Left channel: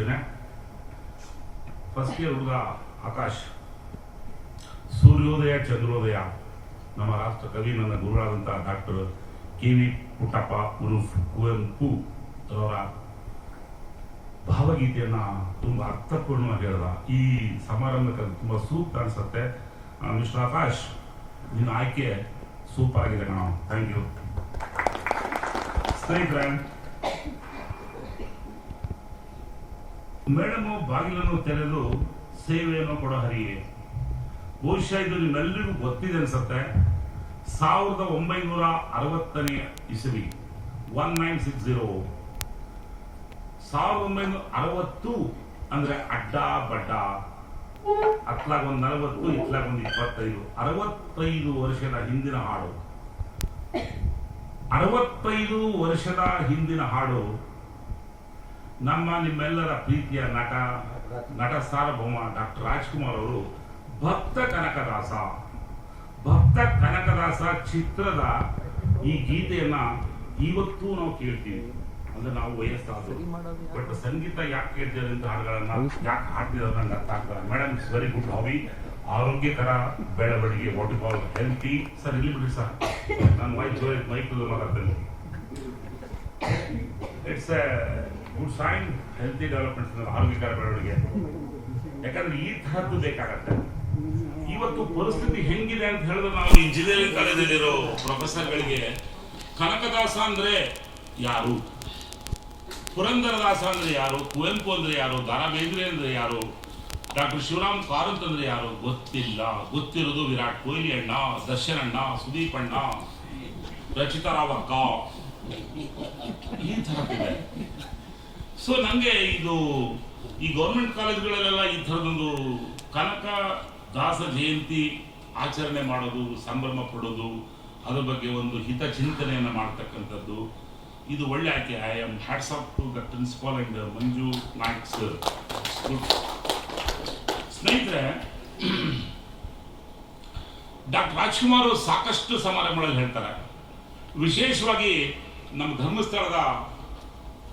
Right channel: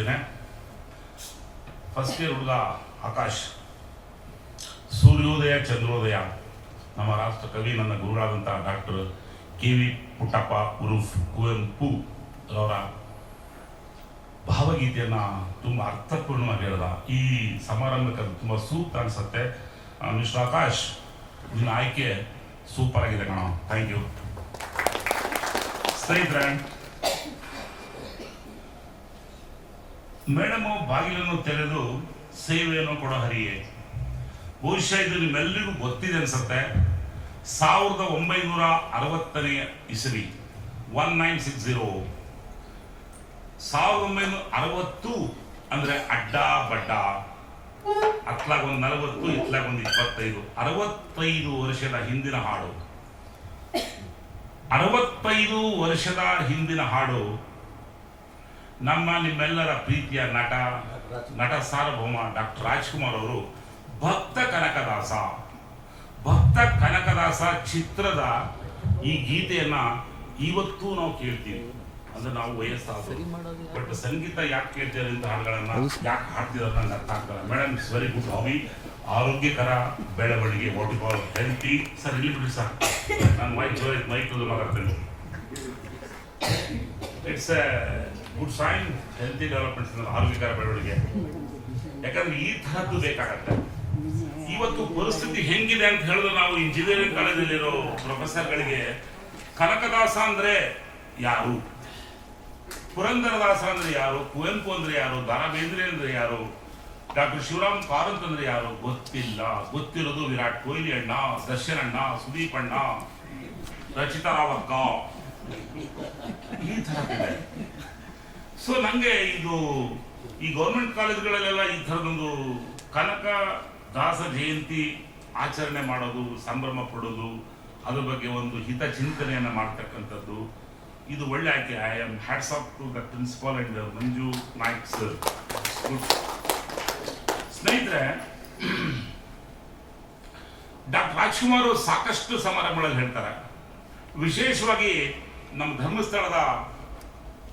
ಸೂಚನೆ first year ಹುಡುಗ ಆಕಾಶ್. ಸೂರ್ಯೋದಯ, ಚಂದ್ರೋದಯ. ನಮ್ಮ ರಾಷ್ಟ್ರ ಕವಿ, ನನ್ನ ಗುರುಗಳಾದಂಥ ಡಾಕ್ಟರ್ ಕೆ ವಿ ಪುಟ್ಟಪ್ಪ ಉರುಫ್ ಕುವೆಂಪು ಅವರ ಭಾವಗೀತೆಯನ್ನ ತುಂಬ ಅರ್ಥಪೂರ್ಣವಾಗಿ ಹೇಳ್ದ. ಈ ಸಮಾರಂಭಕ್ಕೆ ಅದು ತುಂಬ ಸೂಕ್ತ ಅನ್ಸುತ್ತೆ. ಮಿಸ್ಟರ್ ಆಕಾಶ್, ನಿನ್ನ ಆಯ್ಕೆ ಸೂಪರ್ ಆಗಿದೆ ಕಣ. ಥ್ಯಾಂಕ್ ಯು ಸ್ನೇಹಿತರೆ ಮೇಡಮು ಬಾಗಿಲನ್ನು ತೆರೆದು ಸೇವೆಯನ್ನು ಕೊಡೋ ಹರಿಯೇ. ಬಹುಶಃ ಇದು ನಿಮ್ಮೆಲ್ಲರಿಗೂ ಗೊತ್ತಿದೆ ಅನ್ಸುತ್ತೆ. ಸಾವಿರದ ಒಂಬೈನೂರ ಅರವತ್ತನೇ ಇಸವಿ ಒನ್ ನೈನ್ ಸಿಕ್ಸ್ ಜೀರೋ ಸಾವಿರದ ಒಂಬೈನೂರ ಅರವತ್ತು ಅಂದ್ರೆ ಅಡ್ಡ ಬಡ್ಡ. ಅತ್ಲಾಗ ಒಂದು ನಲವತ್ತು, ಇತ್ಲಾಗ ಒಂದು ಇಪ್ಪತ್ತೈದು. ಅರವತ್ತೈದು ವರ್ಷದ ಹಿಂದಿನ ಹಾಡು. ಅರವತ್ತೈದು ವರ್ಷದ ಹಿಂದಿನ ಹಾಡು ನಮ್ಮ ನಿಮ್ಮೆಲ್ಲರ ಪ್ರೀತಿಯ ನಟ ನಟ ಸಾರ್ವಭೌಮ ಡಾಕ್ಟರ್ ರಾಜ್ಕುಮಾರ್ ಅವರು ಭಕ್ತ ಕನಕದಾಸ. ಭಕ್ತ ಕನಕದಾಸ ಚಿತ್ರದ ಈ ಗೀತೆಯನ್ನ ಇವತ್ತು ನಾವು ಕೇಳ್ತೀವಿ. ಅಂದ್ರೆ ನಾವು ವಯಸ್ಸಾದ್ರು ಬಟ್ ಸಂಗೀತ ಯಾಕೆ ಕೇಳ್ತೀರಿ ಅಂತ ಹಾಡುಗಳನ್ನ? ಯಾಕೆ ಹಾಡ್ತೀರ ನಂಗೆ ಅರ್ಥ ಆಗ್ತಾರೆ madam it's very good hobby. ಆರೋಗ್ಯಕರ ಬೆಳವಣಿಗೆ ವಾಟ್ ಬಾಲ್ ಹೆಲ್ತಿ. ಸರ್ ಇಲ್ಲಿ ಬಿಡಿ ಸರ್. ನಾನು ಮೈಕ್ ಜೋರಿ ಮೈಕ್ ಮಾತಾಡ್ತೇನೆ. It's a good sign healthy development ಆರೋಗ್ಯಕರ ಬೆಳವಣಿಗೆ. ಯಾಕಂದ್ರೆ ಈ ತರದ್ದು ಬೇಕಾಗತ್ತೆ. ಇವತ್ತು ಪರಿಸ್ಥಿತಿ ಹೆಂಗಿದೆ ಅಂತ ಹೇಳಿದ್ರೆ ನಾವು ಇಂಜಿನಿಯರಿಂಗ್ ಕಾಲೇಜಲ್ಲಿರೋ ಪ್ರೊಫೆಸರ್ಗಳಿಗೆ ಕನಕದಾಸ ಅಂದ್ರೆ ಯಾರು? ಪುರಂದರದಾಸ ಅಂದ್ರೆ ಯಾರು? ಕುವೆಂಪು ಅಂದ್ರೆ ಯಾರು? ದಾರಾ ಬೇಂದ್ರೆ ಅಂದ್ರೆ ಯಾರು? ಡಾಕ್ಟರ್ ಶಿವರಾಮ್ ಕಾರಂತ್ ಅಂದ್ರೆ ಯಾರು? ಗೊತ್ತಿಲ್ಲ. ಗೊತ್ತಿರೋದು ವಿರಾಟ್ ಕೊಹ್ಲಿ ಅಣ್ಣ, ದರ್ಶನ್ ಅಣ್ಣ, ಸುದೀಪ್ ಅಣ್ಣ, ರಚಿತಾ ರಾವತ್ ಈ ಥರದ್ದಿದೆ ಸೊ ನನಗೆ ಇದು, ಈ ಗೌರ್ಮೆಂಟ್ ಕಾಲೇಜ್ಗಳಲ್ಲೆಲ್ಲ ಈ ಥರದೊಂದು ಕನಕ ದಾಸ ಜಯಂತಿ ಆಚರಣೆ ಮಾಡೋದು, ಸಂಭ್ರಮ ಪಡೋದು, ಅದ್ರ ಬಗ್ಗೆ ಒಂದು ಹಿತ ಚಿಂತನೆಯನ್ನು ಮಾಡ್ತಕ್ಕಂಥದ್ದು. ಇದು ಒಳ್ಳೆ ಆಯ್ಕೆ I am hats off to the principal and Manju Naik sir ಸ್ನೇಹಿತರೆ ಡಾಕ್ಟರ್ ರಾಜ್ಕುಮಾರ್ ಸಾಕಷ್ಟು ಸಮಾರಂಭಗಳಲ್ಲಿ ಹೇಳ್ತಾರೆ. ವಿಶೇಷವಾಗಿ ನಮ್ಮ ಧರ್ಮಸ್ಥಳದ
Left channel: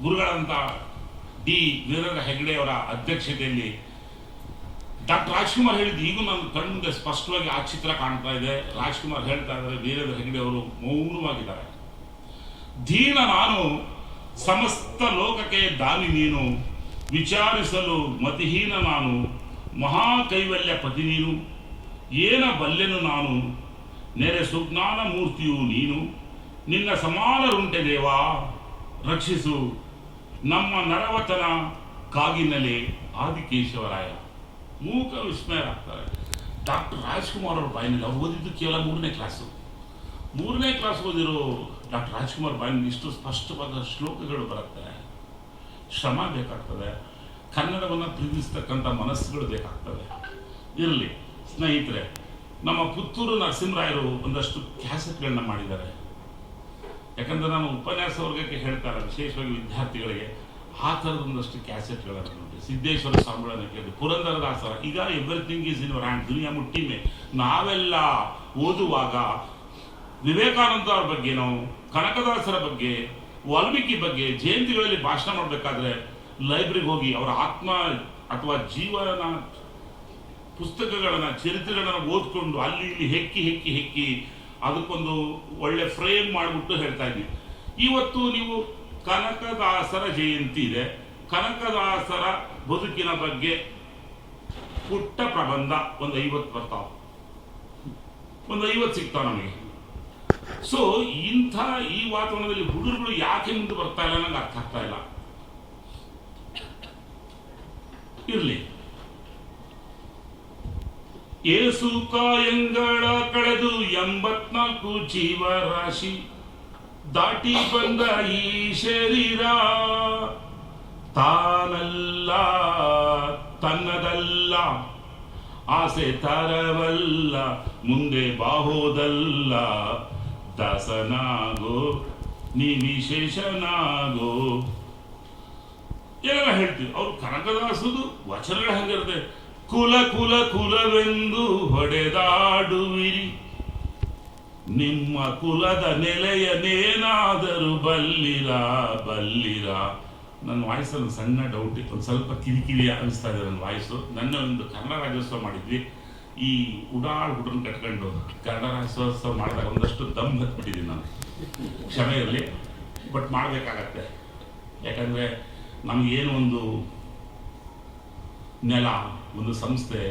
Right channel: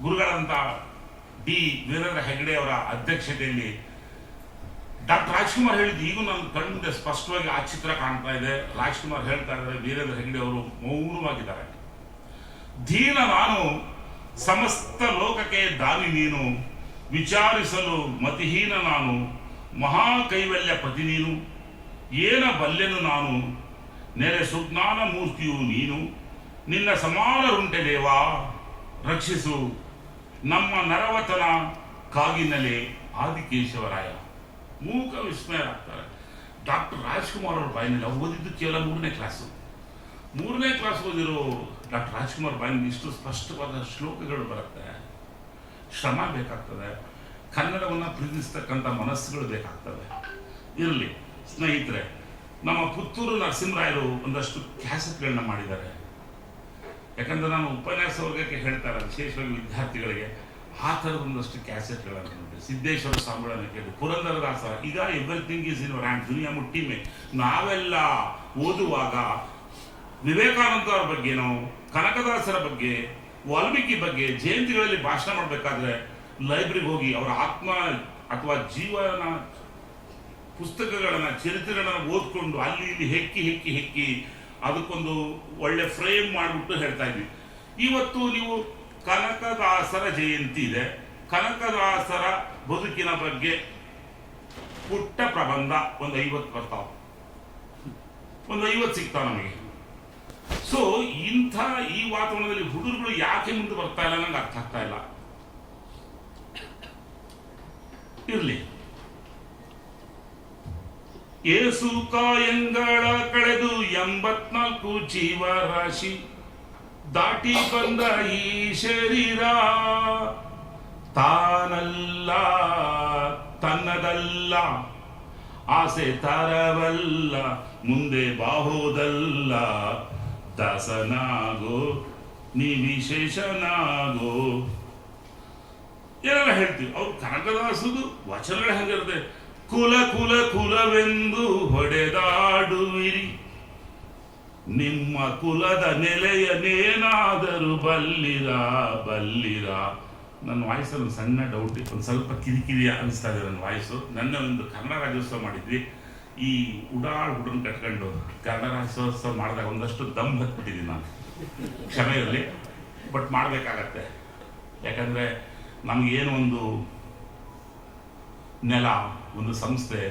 ಗುರುಗಳಂತ ಡಿ ವೀರರ ಹೆಗ್ಡೆ ಅವರ ಅಧ್ಯಕ್ಷತೆಯಲ್ಲಿ ಡಾಕ್ಟರ್ ರಾಜ್ಕುಮಾರ್ ಹೇಳಿದ್ದು ಈಗ ನನ್ನ ಕಣ್ಣಿಂದ ಸ್ಪಷ್ಟವಾಗಿ ಆ ಚಿತ್ರ ಕಾಣ್ತಾ ಇದೆ. ರಾಜ್ಕುಮಾರ್ ಹೇಳ್ತಾ ಇದ್ದಾರೆ ವೀರೇಂದ್ರ ಹೆಗ್ಡೆ ಅವರು ಮೌನವಾಗಿದ್ದಾರೆ. ದೀನ ನಾನು ಸಮಸ್ತ ಲೋಕಕ್ಕೆ ದಾನಿ ನೀನು, ವಿಚಾರಿಸಲು ಮತಿಹೀನ ನಾನು ಮಹಾ ಕೈವಲ್ಯ ಪತಿ ನೀನು, ಏನ ಬಲ್ಲೆನು ನಾನು, ನೆರೆ ಸುಜ್ಞಾನ ಮೂರ್ತಿಯು ನೀನು, ನಿನ್ನ ಸಮಾನರುಂಟೆ ದೇವಾ, ರಕ್ಷಿಸು ನಮ್ಮ ನರವತನ ಕಾಗಿನಲ್ಲಿ ಆದಿಕೇಶವರಾಯ ಮೂಕ ವಿಸ್ಮಯರಾಗ್ತಾರೆ. ಡಾಕ್ಟರ್ ರಾಜ್ಕುಮಾರ್ ಅವ್ರ ಬಾಯಿನಲ್ಲಿ ಅವ್ರು ಓದಿದ್ದು ಕೇವಲ ಮೂರನೇ ಕ್ಲಾಸು. ಮೂರನೇ ಕ್ಲಾಸ್ ಓದಿರೋ ಡಾಕ್ಟರ್ ರಾಜ್ಕುಮಾರ್ ಬಾಯಿನಲ್ಲಿ ಇಷ್ಟು ಸ್ಪಷ್ಟವಾದ ಶ್ಲೋಕಗಳು ಬರುತ್ತೆ. ಶ್ರಮ ಬೇಕಾಗ್ತದೆ. ಕನ್ನಡವನ್ನು ಪ್ರೀತಿಸ್ತಕ್ಕಂಥ ಮನಸ್ಸುಗಳು ಬೇಕಾಗ್ತದೆ ಇರಲಿ, ಸ್ನೇಹಿತರೆ, ನಮ್ಮ ಪುತ್ತೂರು ನರಸಿಂಹರಾಯರು ಒಂದಷ್ಟು ಕ್ಯಾಸೆಟ್ಗಳನ್ನ ಮಾಡಿದ್ದಾರೆ. ಯಾಕಂದ್ರೆ ನಾನು ಉಪನ್ಯಾಸ ವರ್ಗಕ್ಕೆ ಹೇಳ್ತಾರೆ, ವಿಶೇಷವಾಗಿ ವಿದ್ಯಾರ್ಥಿಗಳಿಗೆ, ಆ ಥರದ ಒಂದಷ್ಟು ಕ್ಯಾಸೆಟ್ಗಳನ್ನು ನೋಡಿ ಸಿದ್ದೇಶ್ವರ ಸಮ್ಮೇಳನ ಕೇಳಿದೆ ಪುರಂದರದಾಸರ, ಈಗ ಎವ್ರಿಥಿಂಗ್ ಈಸ್ ಇನ್ ಹ್ಯಾಂಡ್ ದುನಿಯಾ ಮುಟ್ಟಿಮೆ. ನಾವೆಲ್ಲ ಓದುವಾಗ ವಿವೇಕಾನಂದ ಅವರ ಬಗ್ಗೆ ನಾವು, ಕನಕದಾಸರ ಬಗ್ಗೆ, ವಾಲ್ಮೀಕಿ ಬಗ್ಗೆ, ಜಯಂತಿಗಳಲ್ಲಿ ಭಾಷಣ ಮಾಡಬೇಕಾದ್ರೆ ಲೈಬ್ರರಿಗೆ ಹೋಗಿ ಅವರ ಆತ್ಮ ಅಥವಾ ಜೀವನ ಪುಸ್ತಕಗಳನ್ನ, ಚರಿತ್ರೆಗಳನ್ನ ಓದ್ಕೊಂಡು ಅಲ್ಲಿ ಇಲ್ಲಿ ಹೆಕ್ಕಿ ಹೆಕ್ಕಿ ಹೆಕ್ಕಿ ಅದಕ್ಕೊಂದು ಒಳ್ಳೆ ಫ್ರೇಮ್ ಮಾಡಿಬಿಟ್ಟು ಹೇಳ್ತಾ ಇದ್ವಿ. ಇವತ್ತು ನೀವು ಕನಕದಾಸರ ಜಯಂತಿ ಇದೆ. ಕನಕದಾಸರ ಬದುಕಿನ ಬಗ್ಗೆ ಪುಟ್ಟ ಪ್ರಬಂಧ ಒಂದು ಐವತ್ತು ಬರ್ತಾವ. ಒಂದು ಐವತ್ತು ಸಿಗ್ತಾವ ನಮಗೆ. ಸೊ ಇಂಥ ಈ ವಾತಾವರಣದಲ್ಲಿ ಹುಡುಗರುಗಳು ಯಾಕೆ ಮುಂದೆ ಬರ್ತಾ ಇಲ್ಲ ನಂಗೆ ಅರ್ಥ ಆಗ್ತಾ ಇಲ್ಲ. ಇರ್ಲಿ. ಏಸು ಕಾಯಂಗಳ ಕಳೆದು ಎಂಬತ್ನಾಲ್ಕು ಜೀವರಾಶಿ ದಾಟಿ ಬಂದ ಈ ಶರೀರ, ತಾನಲ್ಲ, ತನ್ನದಲ್ಲ, ಆಸೆ ತರವಲ್ಲ, ಮುಂದೆ ಬಾಹೋದಲ್ಲ, ದಾಸನಾಗೋ ನೀ ವಿಶೇಷನಾಗೋ ಏನೆಲ್ಲ ಹೇಳ್ತೀವಿ? ಅವ್ರು ಕನಕದಾಸದು ವಚನಗಳು ಹೆಂಗಿರುತ್ತೆ? ಕುಲ ಕುಲ ಕುಲವೆಂದು ಹೊಡೆದಾಡುವಿರಿ. ನಿಮ್ಮ ಕುಲದ ನೆಲೆಯನೇನಾದರೂ ಬಲ್ಲಿರ ಬಲ್ಲಿರ? ನನ್ನ ವಾಯ್ಸಲ್ಲಿ ಸಣ್ಣ ಡೌಟ್ ಒಂದು ಸ್ವಲ್ಪ ಕಿರಿಕಿರಿ ಅನಿಸ್ತಾ ಇದೆ ನನ್ನ ವಾಯ್ಸು. ನನ್ನ ಒಂದು ಕನ್ನಡ ರಾಜ್ಯೋತ್ಸವ ಮಾಡಿದ್ವಿ. ಈ ಉಡಾಳ್ ಹುಡುಗನ್ ಕಟ್ಕೊಂಡು ಕನ್ನಡ ರಾಜ್ಯೋತ್ಸವ ಮಾಡಿದಾಗ ಒಂದಷ್ಟು ದಮ್ ಹತ್ಬಿಟ್ಟಿದ್ದೀನಿ ನಾನು, ಕ್ಷಮೆಯಲ್ಲಿ. ಬಟ್ ಮಾಡಬೇಕಾಗತ್ತೆ. ಯಾಕಂದರೆ ನಮಗೇನು ಒಂದು ನೆಲ, ಒಂದು ಸಂಸ್ಥೆ,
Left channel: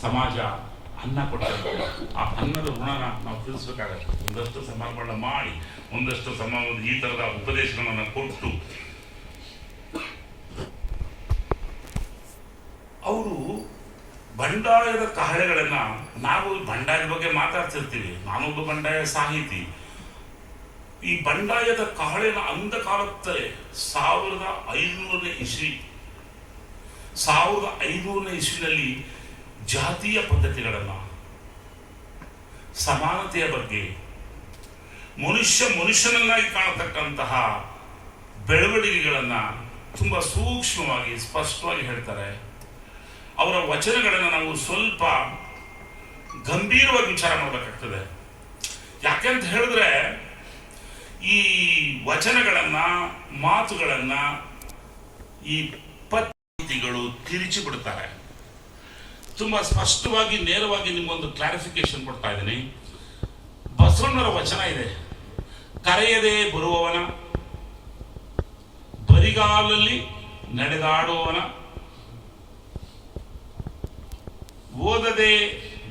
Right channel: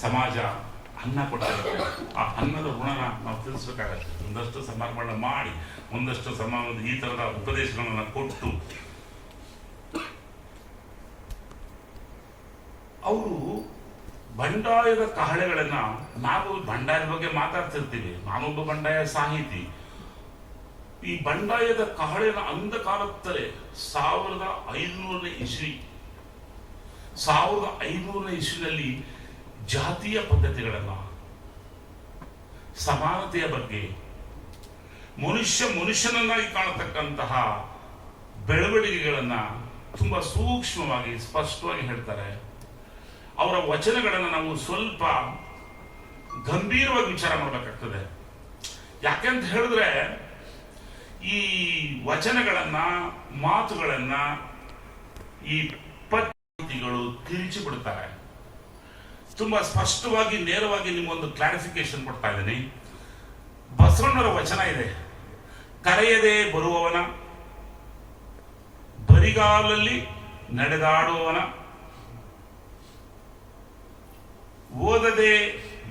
ಸಮಾಜ, ಅನ್ನ ಕೊಟ್ಟಿರುತ್ತೆ ಆ ಅನ್ನದ ಋಣನ ನಾವು ತಿಳಿಸ್ಬೇಕಾಗತ್ತೆ. ಒಂದಷ್ಟು ಸಮಾರಂಭಗಳನ್ನ ಮಾಡಿ, ಒಂದಷ್ಟು ಸಮ ಈ ಥರದ ಉಪದೇಶಗಳನ್ನು ಕೊಟ್ಟು, ಅವರು ಬಂಡಾಯದ ಕಹಳೆಗಳನ್ನ ನಾವು ಬಂಡಾಯದ ಬಗ್ಗೆ ಮಾತಾಡ್ತಿರ್ತೀವಿ. ನಾನೊಬ್ಬ ಬಂಡಾಯ ಸಾಹಿತಿ. ಈ ಬಂಡಾಯದ ಕಹಳೆನ ಅಂಧಕಾಲತ್ತಲೇ ಸಾವಿರದ ಐನೂರನೇ ಇಸ್ವಿ ಸಾವಿರದ ಐನೂರನೇ ಇಸ್ವಿನಲ್ಲಿ ಜಾತಿಯ ಪದ್ಧತಿಗಳನ್ನು, ಸಮಾನತೆಯ ಬಗ್ಗೆ, ಮನುಷ್ಯ ಮನುಷ್ಯನನ್ನಾಗಿ ಕಾಣತಕ್ಕಂತಹ ಬೆಳವಣಿಗೆಗಳನ್ನ ತುಂಬಾ ಸೂಕ್ಷ್ಮವಾಗಿ, ಸ್ಪಷ್ಟವಾಗಿ ಹೇಳ್ತಾರೆ. ಅವರ ವಚನಗಳನ್ನು ನಾವು ಸ್ವಲ್ಪ ಗಂಭೀರವಾಗಿ ವಿಚಾರ ಮಾಡಬೇಕಾಗ್ತದೆ. ಯಾಕೆಂತ ಹೇಳಿದ್ರೆ, ಈ ವಚನಗಳನ್ನ, ಮಾತುಗಳನ್ನ, ಈ ಪದ್ಧತಿಗಳು ತಿರುಚಿ ಬಿಡ್ತಾರೆ. ತುಂಬಾ ಸ್ಪಷ್ಟವಾಗಿ ನೇರವಾಗಿ ನಿಮ್ಮೊಂದು ಕ್ಲಾರಿಫಿಕೇಶನ್ ಕೊಡ್ತಾ ಇದ್ದೀನಿ. ಬಸವಣ್ಣರ ವಚನ ಇದೆ. ಕರೆಯದೆ ಬರುವವನ ಬರಿಗಾಲಲ್ಲಿ ನಡೆದಾಡುವವನ ಓದದೆ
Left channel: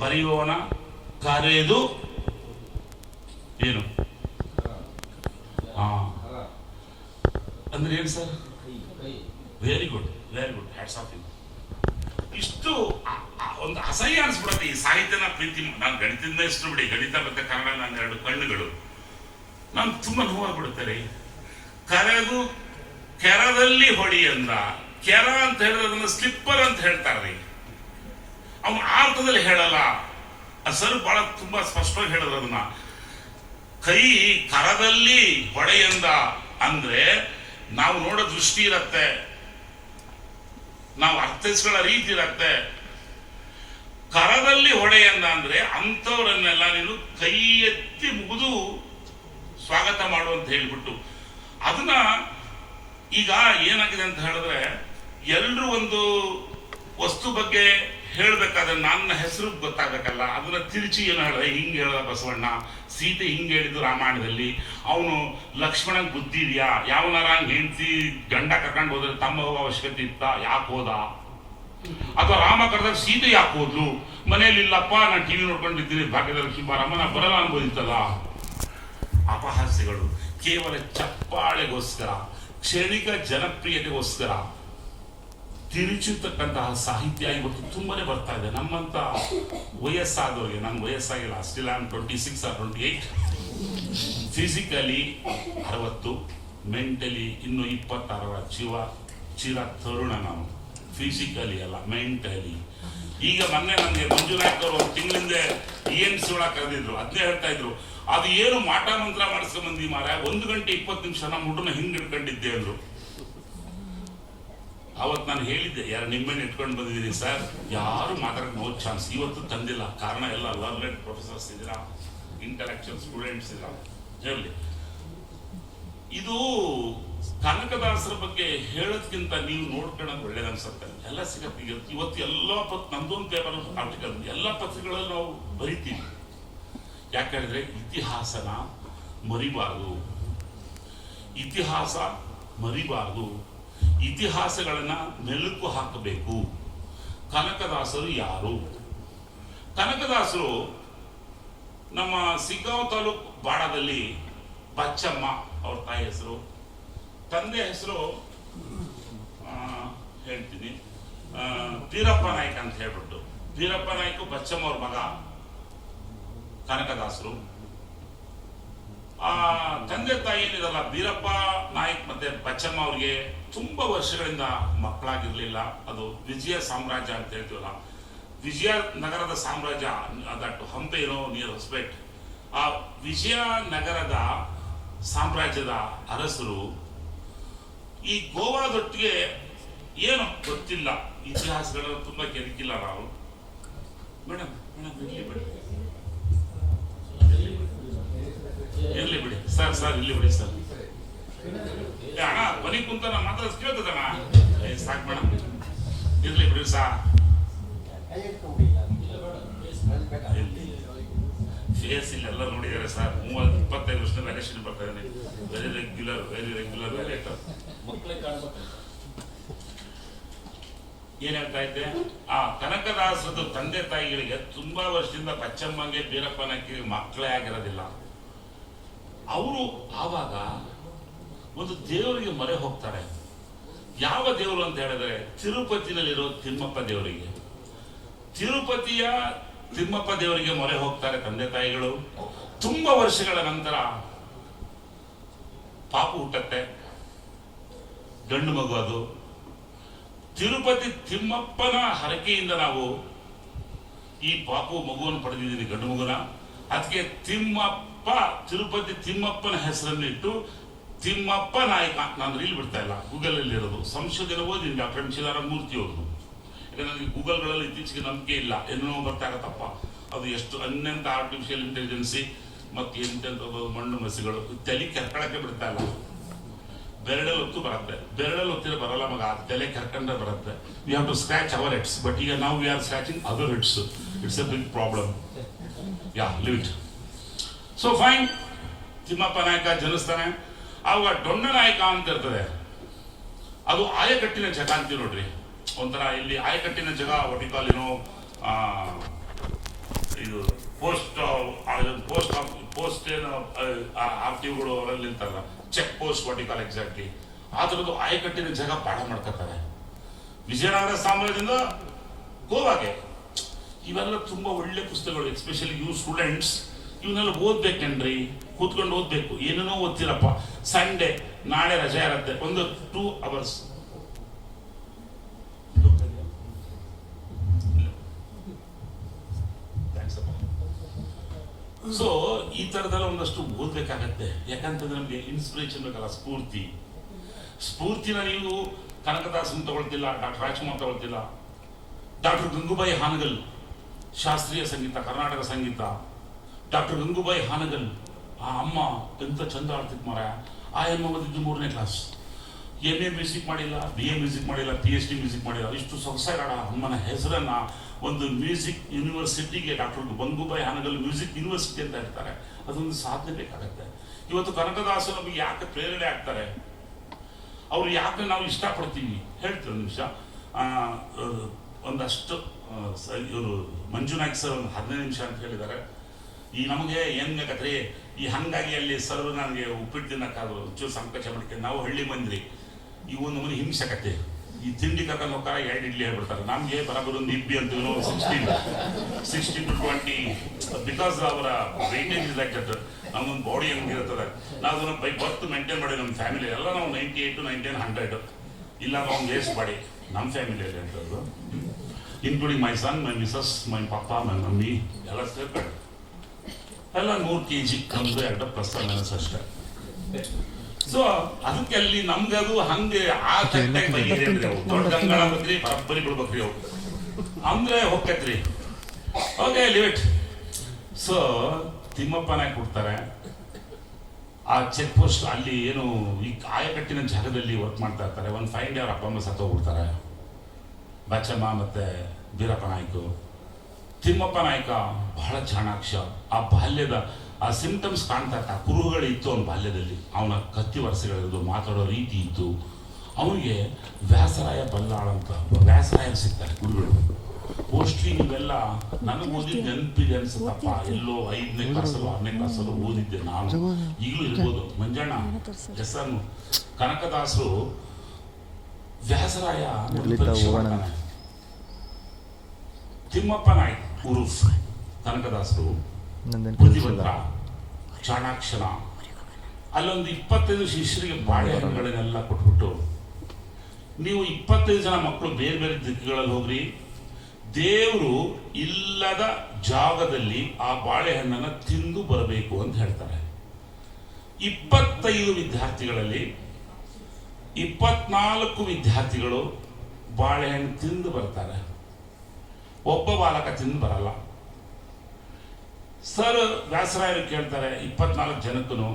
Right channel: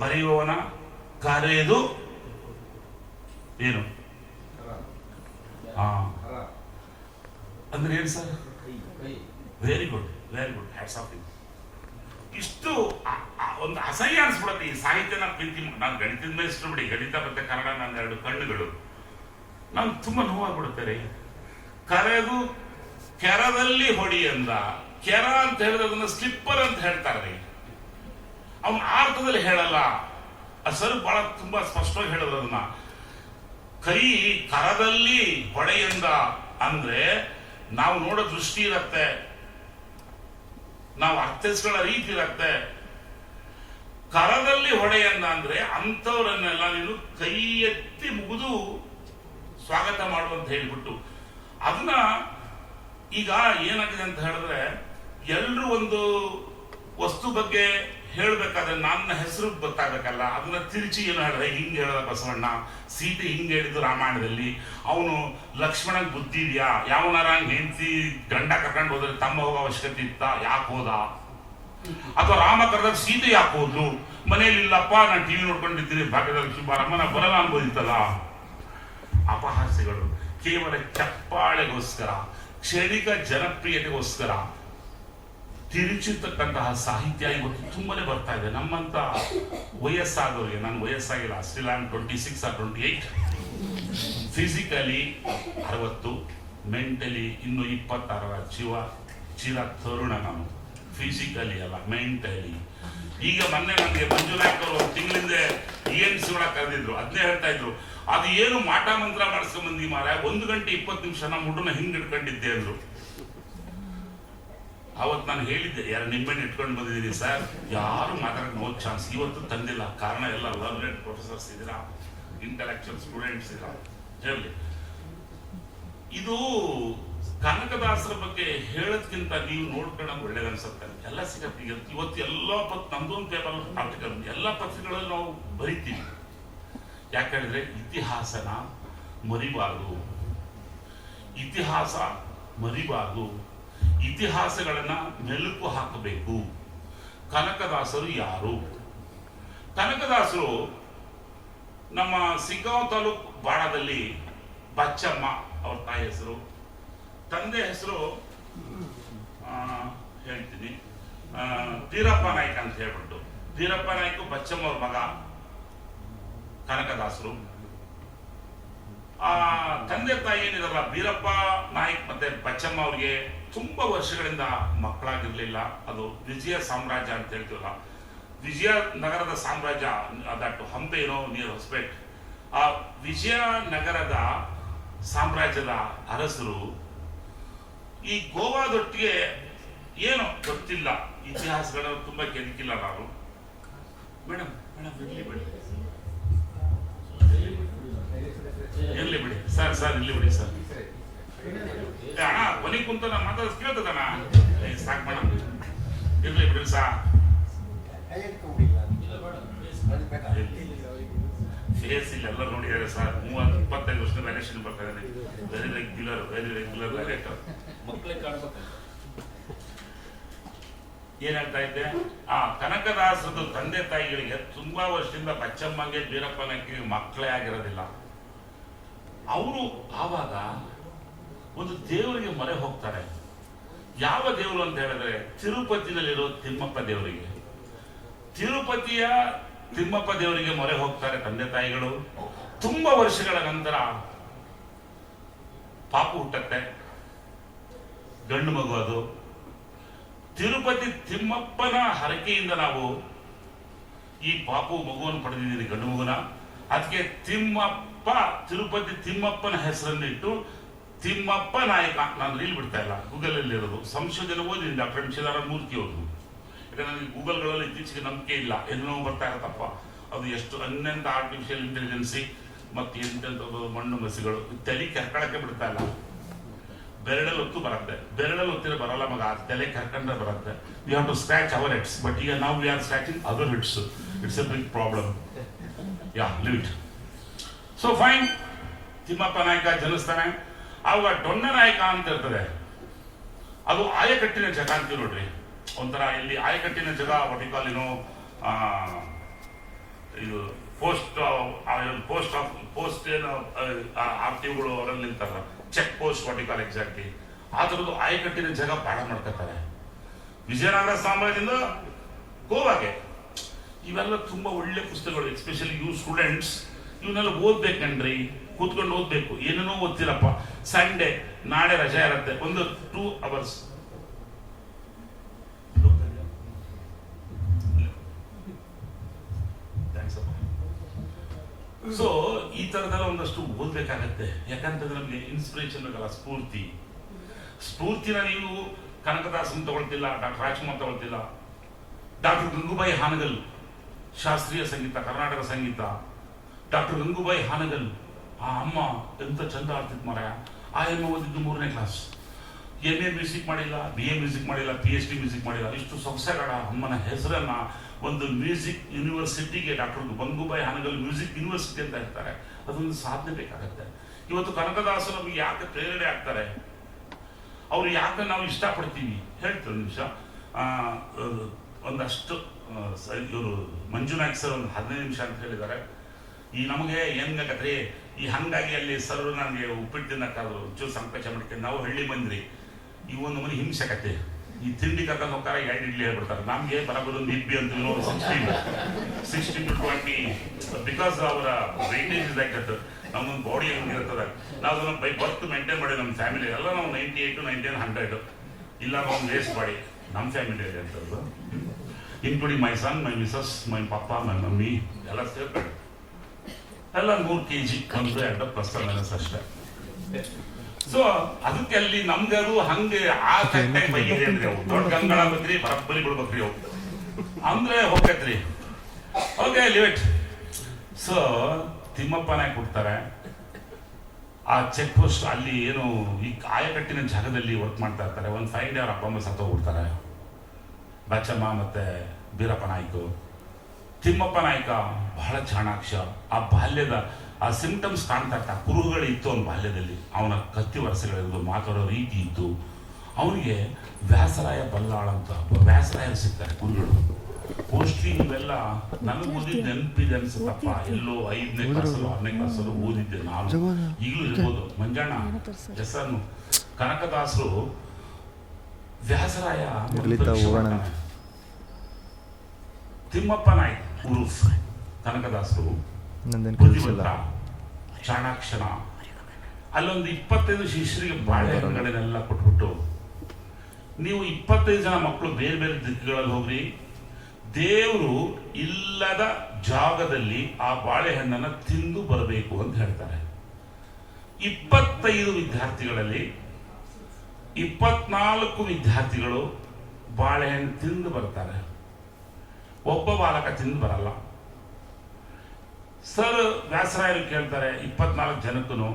ಬರೆಯುವವನ ಕರೆದು ಏನು? ಅಂದ್ರೆ ಏನು sir? Very good very good hats off ಇಷ್ಟು ಒಂದು ಅಸಹ್ಯ ಅನ್ಸ್ಬಿಡುತ್ತೆ ಈ ಸಾಹಿತ್ಯನ ಪ್ರೀತಿ. ನಾನು ಗಣಿತದಿಂದ ಇಷ್ಟು ಬಿಡಿ. ಗಣಿತ ಮತ್ತೆ ಕನ್ನಡ ನನ್ನ ಎರಡು ಕಣ್ಣುಗಳು. ನಾನು ತುಂಬಾ ನೋವಾಗ್ಬಿಡುತ್ತೆ ರೀ. ಕರೆದು ಕೆರದಲ್ಲಿ ಹೊಡಿ ಅಂದ. ಕೆರ ಅಂತ ಹೇಳಿದ್ರೆ ಸ್ಲಿಪ್ಪರ್ ಅಂತ ಹೇಳ್ತಾರೆ ಅವನು ಅರ್ಥದಲ್ಲಿ ಹೇಳಲ್ಲ. ಸರ್ ಬಹಳ ತುಂಬಾ ಸ್ಪಷ್ಟವಾಗಿ ಹೇಳಿದ್ರು ಅದನ್ನ. ಕೈ ಕರದಲ್ಲಿ ಹೊಡೆಯಂದ ಅಂದ್ರೆ ನಾವು ನೋಡೋ ದೃಷ್ಟಿ ಇರತ್ತೆ. ನಾವು ಅರ್ಥೈಸ್ಕೊಳ್ಳೋ ರೀತಿ ಇರತ್ತೆ. ಕರದಲ್ಲಿ ಹೊಡೆಯಂದ ಅಂದ್ರೆ ಅಂಥವರನ್ನೆಲ್ಲ ನೀನು ಕೈ ಎತ್ತಿ ಮುಗಿದು ಸ್ವಾಗತ ಮಾಡು ಅಂತ ಹೇಳ್ಬಿಟ್ಟು. ಅದನ್ನ ಈಗ ಏನಾಗಿದೆ ಅಂತ ಹೇಳಿದ್ರೆ ಎಲ್ಲರೂ ಒಂದು ವಸ್ತು ಬಗ್ಗೆ ಹೇಳ್ಬೇಕಾದ್ರೆ ನನ್ನ ಹೆಸರು ಗೊತ್ತಾಗಬೇಕಲ್ಲ ಅದನ್ನ ತಿರುಚಿ ಏನು ಹೇಳಿದ್ರೆ, ಹಿಂಗೆ ಹೇಳ್ದ ಬಸವಣ್ಣ. ಸೀತೆ ಹಿಂಗೆ ಹೇಳಿದ್ದು ರಾಮಾಯಣದಲ್ಲಿ. ಅವನು ಲಕ್ಷ್ಮಣನ್ ಬುದ್ಧಿ ಇದೆಯಾ ಯಾವನಾರ ಹೆಂಡತಿ ಗಂಡ ಕರ್ಕೊಂಡು ಹೋದ್ರೆ ತಮ್ಮ ಅವಶ್ಯಕತೆ ಇತ್ತ? ಯಾಕೆ ಹೋದ? ಅಥವಾ ರಾಮ ಕರೆದಾಗ ಸೀತೆ ಯಾಕೆ ಹೋದ್ಲು? ಮನೆಯಲ್ಲಿ ಇಲ್ಲಪ್ಪ, ನಾನು ಟಿವಿ ನೋಡ್ಕೊಂಡಿದ್ದೀನಿ. ಭಾಗ್ಯದ ಲಕ್ಷ್ಮಿ ಬಾರಮ್ಮ ನಾ ಬರಲ್ಲ ಅನ್ಬೋದಿತ್ತಲ್ಲ? ಅಪಹಾಸ್ಯಗಳು. ಕೇವಲ ಚಪ್ಪಾಳೆಗೋಸ್ಕರ, ಕ್ಷಣಿಕ ಜನಪ್ರಿಯತೆಗೋಸ್ಕರ ತಿರುಚಿರ್ತಕ್ಕಂತಹ ಸಾಹಿತ್ಯ ಇವತ್ತು ತುಂಬಾನೇ ಬರ್ತಾ ಇದೆ. ನಮ್ಮಂತ ವಯಸ್ಸಾದವರಿಗೆ ನನ್ನ ವಯಸ್ಸಾಗಿಲ್ಲ, ಅಷ್ಟಿಲ್ಲ on twenty six or twenty eight physically ಅರವತ್ತು ಮೆಂಟಲಿ ಇನ್ನೂ ಇಪ್ಪತ್ತಾರ ಜೀವ, ಚಿರ ತರುಣ ನಾವು. ಫಿಸಿಕಲಿ ಅಲ್ಲ ಮೆಂಟಲಿ ಈಗ ಮೊನ್ನೆ ನನಗೆ ಮಂಜುನಾಥ್ ಅವರು ತಿಂಗಳಿಂದ ಇ ಎನ್ ಸಿ ಒಳಗೆ ಕರೆದಿದ್ರು. ಅದನ್ನೇ ಹೇಳ್ತಾ ಇದ್ರು, ಅದು ಏನು ಮಾಟ ಮಂತ್ರ ಮಾಡಿಸ್ಕೊಂಡ್ ಬಂದಿ ಮಾರ ಒಂದು ಗಂಟೆ ಇಪ್ಪತ್ತು ನಿಮಿಷ ನಮ್ಮ ಹುಡುಗನ ಹಿಂಗೆ ಹಿಡ್ಕೊಂಡಿದ್ದೆ ಅಂದ್ರು. ಅವತ್ತು ನಾನು ಹೇಳಿದ್ದೆ, ಯಾರು ನಿಮ್ಮನ್ನ ಇಟ್ಕೊಂಡು ಬಂದಿದ್ದೀನಿ ಸರ್? ಯಾರು ಮಾತಾಡೋಕೆ ನೋ ಚಾನ್ಸ್ ಇವತ್ತು ತಂದಿಲ್ಲ. ಕಾರಣ ಎಲ್ಲ ಲರ್ನೆಡ್ ಪ್ರೊಫೆಸರ್ಸ್ ಇದ್ದೀರಾ? ಇಂಟಲೆಕ್ಚುಯಲ್ ಸ್ಟೂಡೆಂಟ್ಸ್ ಇದ್ದೀರಾ? ಹೇಳಿ. ಇದು ಕನಕದಾಸರ ಬಗ್ಗೆ ಹೇಳೋದ್ಕಿಂತ ನೀವು ನೋಡ್ಕೊಳ್ಳೋದು ಒಳ್ಳೇದು ಅನ್ಸುತ್ತೆ. ಎಲ್ಲ ಸಿಗತ್ತೆ. ಇವತ್ತು ಎಲ್ಲ ಪತ್ ನಂದೊಂದು ಟೇಬಲ್ ಆರ್ಟಿಕಲ್ ಎಲ್ಲ ಪತ್ರಿಕೆಗಳಲ್ಲಿ ನಾವು ಬರಿತೀವಿ. ಯಾಕಂದ್ರೆ ಇತಿಹಾಸನ ಮರಿಬಾರದು. ಇತಿಹಾಸ ಮರಿಬಾರದು. ಇತಿಹಾಸಗಳನ್ನ ನೆಲುಕು ಹಾಕಬೇಕು. ಕನಕದಾಸರು ಯಾರು? ಕನಕದಾಸರು ನಮ್ಮ ಸಿಗ್ಗಾಂವ್ ತಾಲೂಕು ಬಾಡದಲ್ಲಿ ಬಚ್ಚಮ್ಮ ಅವ್ರ ತಾಯಿ ಹೆಸರು. ತಂದೆ ಹೆಸರು ಹೇಳ್ತೀನಿ. ತೀರಪ್ಪ ನಾಯ್ಕ ಅಂತ ಹೇಳ್ಬಿಟ್ಟು. ತೀರಪ್ಪ ನಾಯ್ಕ ಬಚ್ಚಮ್ಮ ಅವ್ರ ಮಗ ಕನಕದಾಸರು. ಆ ತಂದೆ ತಾಯಿ ಏನಿದಾರಲ್ಲ, ಬೀರಪ್ಪ ನಾಯಕ್ ಮತ್ತೆ ಬಚ್ಚಮ್ಮ ಅವ್ರಿಗೆ ತುಂಬಾ ವರ್ಷಗಳಿಂದ ಮಕ್ಕಳಾಗಿರ್ಲಿಲ್ಲ. ಅದು ವಿಜಯ ಸಾಮ್ರಾಜ್ಯ ಅಂತ ಹೇಳ್ತೀವಲ್ಲ, ವಿಜಯ ನಗರದ ಸಾಮ್ರಾಜ್ಯ ದಟ್ ಹಂಪೆ ಏನೋ ನಿಯರ್ ಹೊಸಪೇಟ್ ಆ ವಿಜಯ ನಗರದ ಸಾಮ್ರಾಜ್ಯದ ಅರಸರು ಈ ಗೋವಾದೊಟ್ಟಿಗೆ ಏನು ಗೊತ್ತಿಲ್ಲ. ಇತಿಹಾಸಗಳನ್ನು ತುಂಬಾ ಕೆಣಕಿಲ್ಲ ನಾವು. ಮೇಡಮ್ ಮೇಡಮ್, ಇರ್ಲಿ ಮೇಡಮ್. ಸರ್ ಇಲ್ಲಿ ಬಿಡಿ ಸರ್. ಅಣ್ಣ ಮನೆ ಕುಂತ ನಾನು ಮಾತಾಡೋದು ಕೇಳ್ತದಣ್ಣ? ಸಾಕು ಮೇಡಮ್ ಇರ್ಲಿ ಬಿಡಿ ಸಾ. ಫೇಸ್ ಇಲ್ಲಿ ಎಲ್ಲ ನೋಡಿದ್ದಾರೆ ಸರ್. ಮೂವತ್ತು ಇಪ್ಪತ್ತೈದು ವರ್ಷದ ವ್ಯಾಲೇಷನ್ ಬರ್ತಾ ಇದೆ very regular very regular valuator ಮಕ್ಕಳೇ ಕಾಣ್ಬೇಕು. ಏನ್ ಹೇಳ್ತಾ ಇದ್ದೆ? ಆ ಕನಕದಾಸದ ತಂದೆ ತಾಯಿಗಳಿಗೆ ತುಂಬಾ ವರ್ಷದಿಂದ ಬಚ್ಚಮ್ಮಗೆ ಬೀರಪ್ಪನಕ್ಕೆ ಮಕ್ಕಳೇ ಆಗಿರೋದಿಲ್ಲ. ಅವರು ಆವಾಗ ಒಂದು ದೇವರಿಗೆ ಮೊರೆ ಹೋಗ್ತಾರೆ. ಯಾವ ದೇವರು ಅಂತ ಹೇಳಿದ್ರೆ ತಿರುಪತಿನಲ್ಲಿರೋ ತಿಮ್ಮಪ್ಪ ದೇವರಿಗೆ. ತಿರುಪತಿಯ ತಿಮ್ಮಪ್ಪ ದೇವರಿಗೆ ಮೊರೆ ಹೋಗ್ತಾರೆ ತಂದೆ ತಾಯಿಗಳು. ತುಂಬಾ ವರ್ಷಗಳ ನಂತರ ಪಾಪು ಹುಟ್ಟತ್ತೆ. ಗಂಡು ಮಗು ಅದು. ತಿರುಪತಿ ತಿಮ್ಮಪ್ಪನ ಹರಕೆಯಿಂದ ನಾವು ಈ ಪಾಪು ಮಗುವನ್ನು ಪಡೆದಿದ್ದೀವಿ ಗಂಡು ಮಗುನ. ಅದಕ್ಕೆ ತಿಮ್ಮಪ್ಪ, ತಿರುಪತಿ ತಿಮ್ಮಪ್ಪನ ಹೆಸರನ್ನಿಟ್ಟು ತಿಮ್ಮಪ್ಪ ನಾಯಕ. ನಾನು ರೀಲ್ ಬಿಡ್ತಾ ಇಲ್ಲ. ಗೂಗಲ್ ಅಲ್ಲಿ ಇರೋದು. ಸಂಶೋಧನೆ ಓದಿ ಡಾಕ್ಟರ್ ಎಂ ಮೂರ್ತಿ ಅವರು ಯಾಕಂದ್ರೆ ನನಗೆ ಗೂಗಲ್ಗಳಲ್ಲಿ ಇತ್ತೀಚೆಗೆ ನಂಬಿಕೆ ಇಲ್ಲ. ಏನೋ ಗೊತ್ತಾಗತ್ತಪ್ಪ ಅದು ಎಷ್ಟು ಅನ್ಯಂತ ಆರ್ಟಿಫಿಷಿಯಲ್ ಇಂಟೆಲಿಜೆನ್ಸಿ ಮತ್ತೆ ಎಂತೆಂಥದ್ದು ಮಣ್ಣು ಮಸಿಗಳು. ತಲೆ ಕರ್ಕೊಳಕ್ಕೆ ಬಿಡ್ತಾ ಇಲ್ಲ. ಬೆರಡಲ್ಲಿ ಹೊತ್ತು ಬರುತ್ತೆ. ಬೆರಡಲ್ಲಿ ಹೊತ್ತಿರ ಬರಲ್ಲ ಮಗ. ತಲೆ ಕರ್ಕೊಂಡ್ರೆ ಬರುತ್ತೆ. We have to scratch our heads but ಈಗ ನಾವು we are scratching other heads it's a big problem ya leave it so fine Timmappa Nayaka ಜನಿಸ್ತಾನೆ. ಆವಾಗ ಡೊಣ್ಣ ನಾಯಕ ಅಂತ ಇರ್ತದೆ. ಅದು ಆಯಕಟ್ಟಿನ ಜಗ ಅಂತೀವಿ ನೋಡ್ರಿ. ಒಂಥರ ಇಲ್ಲಿ ಆಯಕಟ್ಟಿನ ಜಗ ಒಟಿಕಾಲ್ ಏನೋ ಇದು ಪೋಸ್ಟ್ ಪೋಸ್ಟ್ ಪೋಸ್ಟ್ ಏನು ಆರ್ ಟಿಗಳು ಅವರಲ್ಲಿ ನಿಂತಾರಲ್ಲ. ಚೆಕ್ ಪೋಸ್ಟ್ ವಾಟಿಕಾಲ್ ಎಕ್ಸಾಕ್ಟ್ಲಿ. ಆ ಥರದ್ದು ಆಯಕಟ್ಟಿನ ಜಾಗ ಪಾಠ ಮಾಡ್ಕೋತಾರೆ. ವಿಜಯನಗರ ಸಾಮ್ರಾಜ್ಯದಿಂದ ಗೋವಾಗೆ. ಇವೆಲ್ಲ ತುಂಬಾ ಒಳ್ಳೆ ಪುಸ್ತಕಗಳು ಎಸ್ಪೆಷಲಿ ಯು ಸ್ಟೂಡೆಂಟ್ಸ್ ಇವನ್ನೆಲ್ಲ ಓದ್ಬೇಕನ್ರಿ ಕೂತ್ಕೊಂಡು ಓದ್ಬೇಕು. ಏನೇನೋ ಓದ್ತಿರಪ್ಪ. ಸಂಡೇ ನಾಳೆ ರಜೆ ಇರುತ್ತೆ. ಒಂದು ಟೂ ಅವರ್ಸ್ ಸೊ ಈ ತರದೆಲ್ಲ ಒಂದಷ್ಟು ಓದ್ಬೇಕಾಗತ್ತೆ. ಯಾಕಂತಂದ್ರೆ ನಮಗೆ ಇನ್ಸ್ಪಿರೇಷನ್ ಬೇಕಲ್ಲ, ಸ್ಫೂರ್ತಿ. ಸ್ಫೂರ್ತಿನ ನೀವು ಕನಕದಾಸನ್ ತಗೊಳ್ತಿಲ್ಲ, ಡಾಕ್ಟರ್ ರಾಜ್ಕುಮಾರ್ ತಗೊಳ್ತಿಲ್ಲ. ಡಾಕ್ಟರ್ ಗಂಗೂಬಾಯಿ ಹಾನಗಲ್ ಶಾಸ್ತ್ರೀಯ ಸಂಗೀತ, ಕರ್ನಾಟಕ ಸಂಗೀತ. ಡಾಕ್ಟರ್ ಗಂಗೂಬಾಯಿ ಹಾನಗಲ್, ಆ ಅಮ್ಮ ಎಂತ ಚಂದ ಆಡ್ತಿತ್ತು ಮಾರಾಯ. ಆ ಎಮ್ಮ ಓದಿದ್ದು ಮೂರನೇ ಕ್ಲಾಸ್ ಎಂ ಎ ಮ್ಯೂಸಿಕ್ ಮಾಡಿಲ್ಲ ಬಿ ಎ ಮ್ಯೂಸಿಕ್ ಮಾಡಿಲ್ಲ ಪಿ ಎಚ್ ಡಿ ಮ್ಯೂಸಿಕ್ ಮಾಡಿಲ್ಲ. ಇಷ್ಟು ಸೊಗಸಾಗ ಅಮ್ಮನ ಹೆಸರನ್ನ ಒಂದು music ಯೂನಿವರ್ಸಿಟಿಗೆ doctor Gangubai Hangal music university ಅಂತ ಇರ್ತಾರೆ ಅದೊಂದು ಸಾಧನೆ ಬೇಕಾಗತ್ತೆ. ಇವತ್ತು ಕನಕದಾಸರು ನಮಗೆ ಯಾಕೆ ಪ್ರೇರಣೆ ಆಗ್ತಾರೆ? ಅವ್ರು ಯಾಕೆ ನಾವು ಇಷ್ಟಪಡ್ತೀವಿ? ಹೇಳ್ತೀವಿ ನಿಮಿಷ? ಒಂದಷ್ಟು ಇವರು ಮಂಜುನಾಥ್ ಸರ್ ಒಂದು ಹದಿನೈದು ನಿಮಿಷ ಅಂತ ಹೇಳಿದ್ದಾರೆ. ಈ ನಮಗೆ ಹೆಂಗಾಗತ್ತೆ ಈ ಹಂಗಾಗಿ ಅಲ್ಲಿ ಸರ್ ನನಗೆ ಉಪ್ಪಿಟ್ಟು ತಿನ್ನಕ್ಕಾದ್ರು ಚೂರು ಸಂಕೋಚ ಮಾಡ್ಕೊಂಡು ನಾವು ಹಳ್ಳಿ ಬಂದ್ರಿ ಈ ಒಂದು ಮನೆ ಹಿಂಸಕತೆ. ಈ ತಿಂಡಿ ಕರ್ಕೊಂಡು ಹೋಗ್ತಾರೆ, ಎರಡು ಇಡ್ಲಿ ಹೇಳ್ಬಿಡ್ತಾರೆ. ನಮಗೆ ಬರಬರು ನಿಬ್ಬಿ ಅಂತ sixteen sixteen to twenty because ಅವರ ವೇಟೇಜ್ ಇಸ್ ದಟ್ ನಮ್ಮೊಂದು ಬಾಡಿ ಹಂಗಿರ್ತದೆ ನಾವು ಅದನ್ನು ಬೈ ಬರ್ತ್ ಮೇಂಟೈನ್ ಮಾಡಿ ನಮ್ಮ ಫ್ಯಾಮಿಲಿ ಎಲ್ಲ ನಾವು ninety eight to ninety hundred ಇಲ್ಲ ನಾವು ವೇಸ್ಟ್ ಮಾಡಿ. ನಮ್ಮ ಫ್ಯಾಮಿಲಿಯಲ್ಲಿ ಅಂತದ್ದು. Including my son my missus my papa my mummy ಎಲ್ಲ ಸೇರ್ಕೊಂಡು ಎಲ್ಲ ನೂರು ಕೆ ಜಿ ಕಮ್ದು ಎರಡು ಪ್ಲಸ್ ಮೈನಸ್ ಅಷ್ಟೇ. ಸೊ ಅದಕ್ಕೆ ಅಲ್ಲಿ ನಮ್ಗೆ ಅದು ಹಂಗೆ ಆ ಕಟ್ಟೆ ದೊಡ್ಡ ಗಂಗಳ ಬದ್ರಿ ಬರಬ್ಬರಿ ಬಿಡ್ಬೇಕ್ರಿ ಅವು ಅಂದ್ರೆ ಹೋಗ್ತೈತ್ರಿ ಓಕೆ ಲಿಮಿಟ್ ಸೊ ತಿಮ್ಮಪ್ಪನೇ ಕೊಡ್ತಾರೆ. ಆ ಚೆಕ್ ಪೋಸ್ಟ್ ಅಲ್ಲಿ ಏನು ಈ ಆಯಕಟ್ಟಿನ ಜಾಗದಲ್ಲಿ ವರ್ಕ್ ಮಾಡ್ತಾ ಇರ್ತಾರೆ. ಒಂದು ಫೈವ್ ಡೇ ಅವ್ರ ಅಪ್ಪ ಅಮ್ಮ ಸತ್ತೋಗ್ಬಿಡ್ತಾರೆ. ಬಚ್ಚಮ್ಮ ಮತ್ತೆ ಬೀರಪ್ಪ ನಾಯ್ಕು ತಿಮ್ಮಪ್ಪ ನಾಯ್ಕ ಬಹಳ ಚಾಣಾಕ್ಷ. ಆ ಬಾಲ್ಯದ, ಆ ಸಿಂಟಮ್ಸ್ ಕಾಣ್ತಾ ಇರ್ತಾ ಕುರುಹುಗಳು ಇತ್ತು ಅವನ ಬಾಲ್ಯದಲ್ಲಿ. ಅವನ ಕತ್ತಿ ವರ್ಷಗಳಿದ್ದು ಮಾತಾಡೋ ರೀತಿ ಇತ್ತು. ಅವನಿಗೆ ವ್ಯಾಸರಾಯ ಬಲ್ಲಾಳ ಅಂತ ವ್ಯಾಸರಾಯ ಸಿಗ್ತಾರೆ ಗುರುಗಳು ಮೋಸ್ಟ್ಲಿ ಇವೆಲ್ಲ ನನಗೆ ಓದಿದ್ದು ನೆನಪಿದೆ ಅನ್ಸುತ್ತಪ್ಪ. ಎಲ್ಲೋ ಐದನೇ ಕ್ಲಾಸಲ್ಲೋ ಆರನೇ ಕ್ಲಾಸಲ್ಲೋ ಓದಿದ್ದೆ ನಾನು. ಈಗಲೂ ಇರ್ಬೋದು. ಮಂಜಣ್ಣ ಹೆಸರು ಕನಕದಾಸರು ವ್ಯಾಸರಾಯ. ತಿಮ್ಮಪ್ಪ ನಾಯ್ಕ್ ಕನಕದಾಸರು ಬುದ್ಧಿವಂತ. ಚಾಣಾಕ್ಷರ ಅಲ್ಲೊಂದು ಇಪ್ಪತ್ತೈದು ಶಿಷ್ಯರಿಗೆ ಬಾಳೆಹಣ್ಣುಗಳನ್ನೆಲ್ಲ ಕೊಟ್ಬಿಟ್ಟು ನೀವು ಇಪ್ಪತ್ತೈದು ಜನ ಮಕ್ಕಳು ಬೇರೆ ಬೇರೆ ದಿಕ್ಕುಗಳಲ್ಲಿ ಹೋಗ್ರಿ. ದೇವರು ಇಲ್ಲದ ಜಾಗದಲ್ಲಿ ಆ ಬಾಳೆಹಣ್ಣನ್ನ ತಿಂದು ಬರಬೇಕು ಅಂತ ಹೇಳ್ತಾರೆ. ಇಪ್ಪತ್ತೈದು ವಿದ್ಯಾರ್ಥಿಗಳಲ್ಲಿ ಇಪ್ಪತ್ನಾಲ್ಕು ವಿದ್ಯಾರ್ಥಿಗಳು ಬಾಳೆಹಣ್ಣು ತಿಂದು ಬರ್ತಾರೆ. ಒಬ್ಬ ಬಾಲಕ ತಿಂದು ಬರಲ್ಲ. ಸರ್ ವ್ಯಾಸರಾಯರು ಕೇಳ್ತಾರೆ, ಇಪ್ಪತ್ನಾಲ್ಕು ಜನಕ್ಕೂ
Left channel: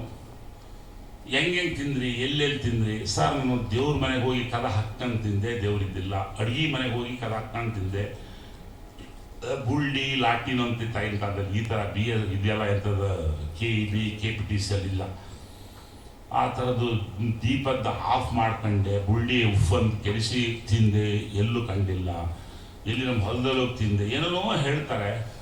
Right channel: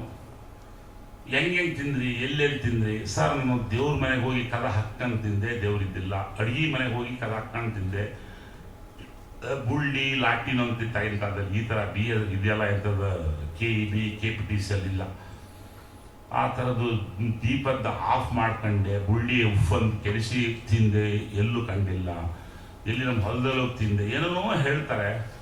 ಹೆಂಗೆ ತಿಂದ್ರಿ, ಎಲ್ಲೆಲ್ಲಿ ತಿಂದ್ರಿ? ಸರ್, ನಾನು ದೇವ್ರ ಮನೆಗೆ ಹೋಗಿ ಕದ ಹಾಕ್ಕೊಂಡು ತಿಂದೆ ದೇವ್ರಿದ್ದಿಲ್ಲ ಅಡುಗೆ ಮನೆಗೆ ಹೋಗಿ ಕದ ಹಾಕ್ಕೊಂಡು ತಿಂದೆ. ಗುಳ್ಳಿ ಲಾಟಿನ್ ಅಂತ ಕಾಲದಲ್ಲಿ ಈ ಥರ ಬಿ ಎಲ್ ಇದೆಲ್ಲ ಎಂಥದ್ದು K E B, K P T C ಅಲ್ಲಿ ಇಲ್ಲ ಆ ಥರದ್ದು ದೀಪದ ಆಫ್ ಮಾಡ್ಕೊಂಡೆ ಗುಳ್ಳಿ ಅಂತ ಕೆಡಿಸಿ ತಿಂದೆ, ಎಲ್ಲೂ ಕಂಡಿಲ್ಲ. ಎಲ್ಲಿ ನಮ್ಮ ಹೊಲದಲ್ಲೂ ತಿಂದೆ. ಏನೇನೋ ಹೇಳ್ತಾರೆ.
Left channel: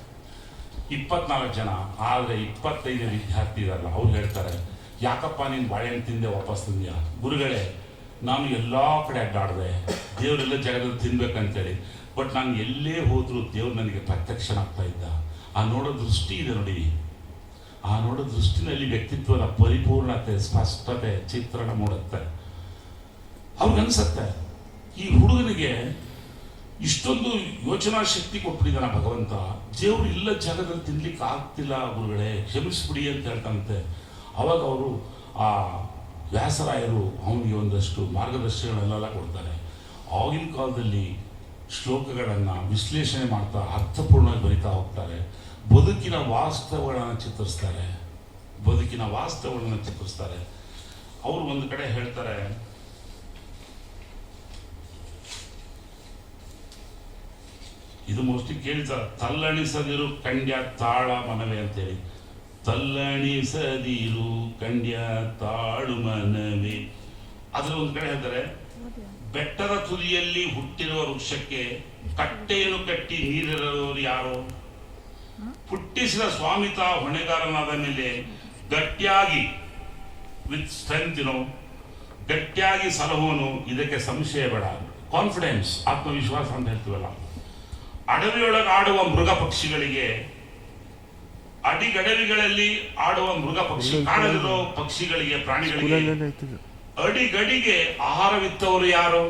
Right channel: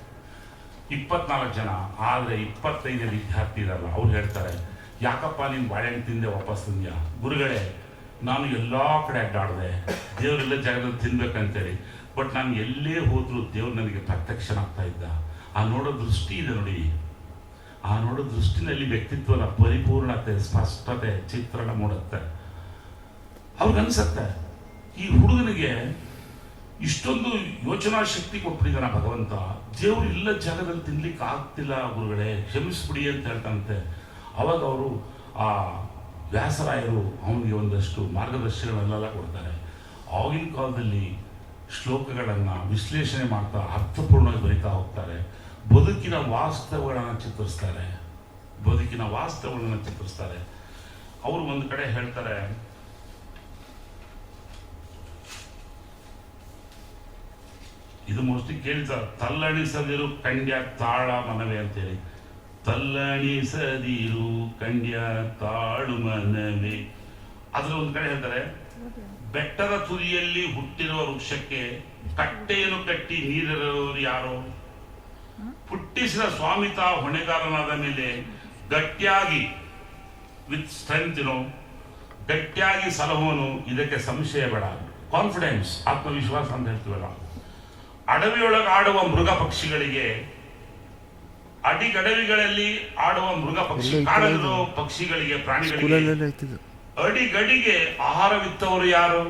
ಇಪ್ಪತ್ನಾಲ್ಕು ಜನ, ಆದರೆ ಇಪ್ಪತ್ತೈದು ವಿದ್ಯಾರ್ಥಿ ಇರಲ್ಲ. ಅವ್ರು ಹೇಳ್ತಾರೆ, ಯಾಕಪ್ಪ ನೀನು ಬಾಳೆಹಣ್ಣು ತಿಂದೆ, ವಾಪಸ್ ತಿಂದ್ಯಾ? ಗುರುಗಳೇ, ನಾನು ಎಲ್ಲ ಕಡೆ ಅಡ್ಡಾಡಿದೆ. ದೇವರೆಲ್ಲ ಜಾಗದಲ್ಲಿ ತಿನ್ಬೇಕಂತೇಳಿ. ಬಟ್ ನಾನು ಎಲ್ಲೇ ಹೋದರೂ ದೇವ್ರು ನನಗೆ ಪ್ರತ್ಯಕ್ಷನಾಗ್ತಾ ಇದ್ದ. ಆ ನೋಡೋ ದೃಷ್ಟಿ ಇದೆ ನೋಡಿ. ಆ ನೋಡೋ ದೃಷ್ಟಿನಲ್ಲಿ ವ್ಯಕ್ತಿತ್ವದ ಪರಿಪೂರ್ಣತೆ, ಸ್ಪಷ್ಟತೆ ಚಿತ್ರಣ ಮೂಡುತ್ತೆ ಅವ್ರಿಗನ್ಸತ್ತೆ ಈ ಹುಡುಗನಿಗೆ ಇಷ್ಟೊಂದು ಯೋಚನಾ ಶಕ್ತಿ ಕೊಟ್ಬಿಟ್ಟಿದ್ದಾನ ಭಗವಂತ. ದೇವರು ಇಲ್ಲ ಜಾಗದಲ್ಲಿ ತಿನ್ಲಿಕ್ಕೆ ಆಗ್ತಿಲ್ಲ ಗುರುಗಳೇ, ಕ್ಷಮಿಸ್ಬಿಡಿ ಅಂತ ಹೇಳ್ತಂತೆ ಅವಾಗ ಅವರು ಆ ವ್ಯಾಸರಾಯರು ಅವನಿಗೆ ಒಂದಷ್ಟು ಮಾರ್ಗದರ್ಶನಗಳನ್ನೆಲ್ಲ ಕೊಡ್ತಾರೆ. ಆಗಿನ ಕಾಲದಲ್ಲಿ ಶ್ಲೋಕಗಳನ್ನು ವಿಶ್ಲೇಷಣೆ ಮಾಡ್ತಾ ಅರ್ಥಪೂರ್ಣವಾಗಿ ಬರಿತಾ ಹೋಗ್ತಾರೆ. ಬದುಕಿನ ವಾಸ್ತವಗಳನ್ನು ಚಿತ್ರಿಸ್ತಾರೆ. ಬದುಕಿನ ವಾಸ್ತವಗಳನ್ನು ಚಿತ್ರಿಸ್ತಾರೆ. ಅವರು ಒಂದು ಕಡೆ ಹೇಳ್ತಾರೆ, ಇದು ಮೋಸ್ಟ್ಲಿ ಕೇಳ್ತಾರೆ ತಲ್ಲಣಿಸದಿರು ಕಂಡ್ಯ ತಾಳ ಮನವೇ ಅಂತೇಳಿ. ತಲ್ಲಣಿಸದಿರು ಕಂಡ್ಯ ತಾಳು ಮನವೇ. ಅದ್ರ ಒಂದು ಕಡೆ ಹೇಳ್ತಾರೆ, ಬೆಟ್ಟದ ತುದಿಯಲ್ಲಿ ಹುಟ್ಟಿರುವ ವೃಕ್ಷಕ್ಕೆ ಕಟ್ಟೆಯನ್ನು ಕಟ್ಟಿ ನೀರಿರೋರು ಯಾರು? ಹುಟ್ಟಿಸಿದ ಸ್ವಾಮಿತ ಹೊಣೆಗಾರನಾದ ಮೇಲೆ ಗಟ್ಟಿಯಾಗಿ ವಿತ್ ಸ್ಟ್ರೆಂತ್ ಗಟ್ಟಿಯಾಗಿ ಸಲಹುವನು ಇದಕ್ಕೆ ಸಂಶಯ ಬೇಡ. ಕಾನ್ಫಿಡೆನ್ಸ್ ಆತ್ಮವಿಶ್ವಾಸ ಅಂತ ಹೇಳ್ತೀವಲ್ಲ. ಅಡವಿಯೊಳಗೆ ಆಡುವ ಮೃಗ ಪಕ್ಷಿಗಳಿಗೆ ಅಡಿಗಡವಿಗಳಲ್ಲಿ ಆಡುವ ಮೃಗ ಪಕ್ಷಿ ಕಾಡಲಿರೋ ಪಕ್ಷಿಗಳಿಗೆ ಪ್ರಾಣಿಗಳಿಗೆ ಅಡಿಗಡಿಗೆ ಆಹಾರವಿತ್ತವರು ಯಾರು?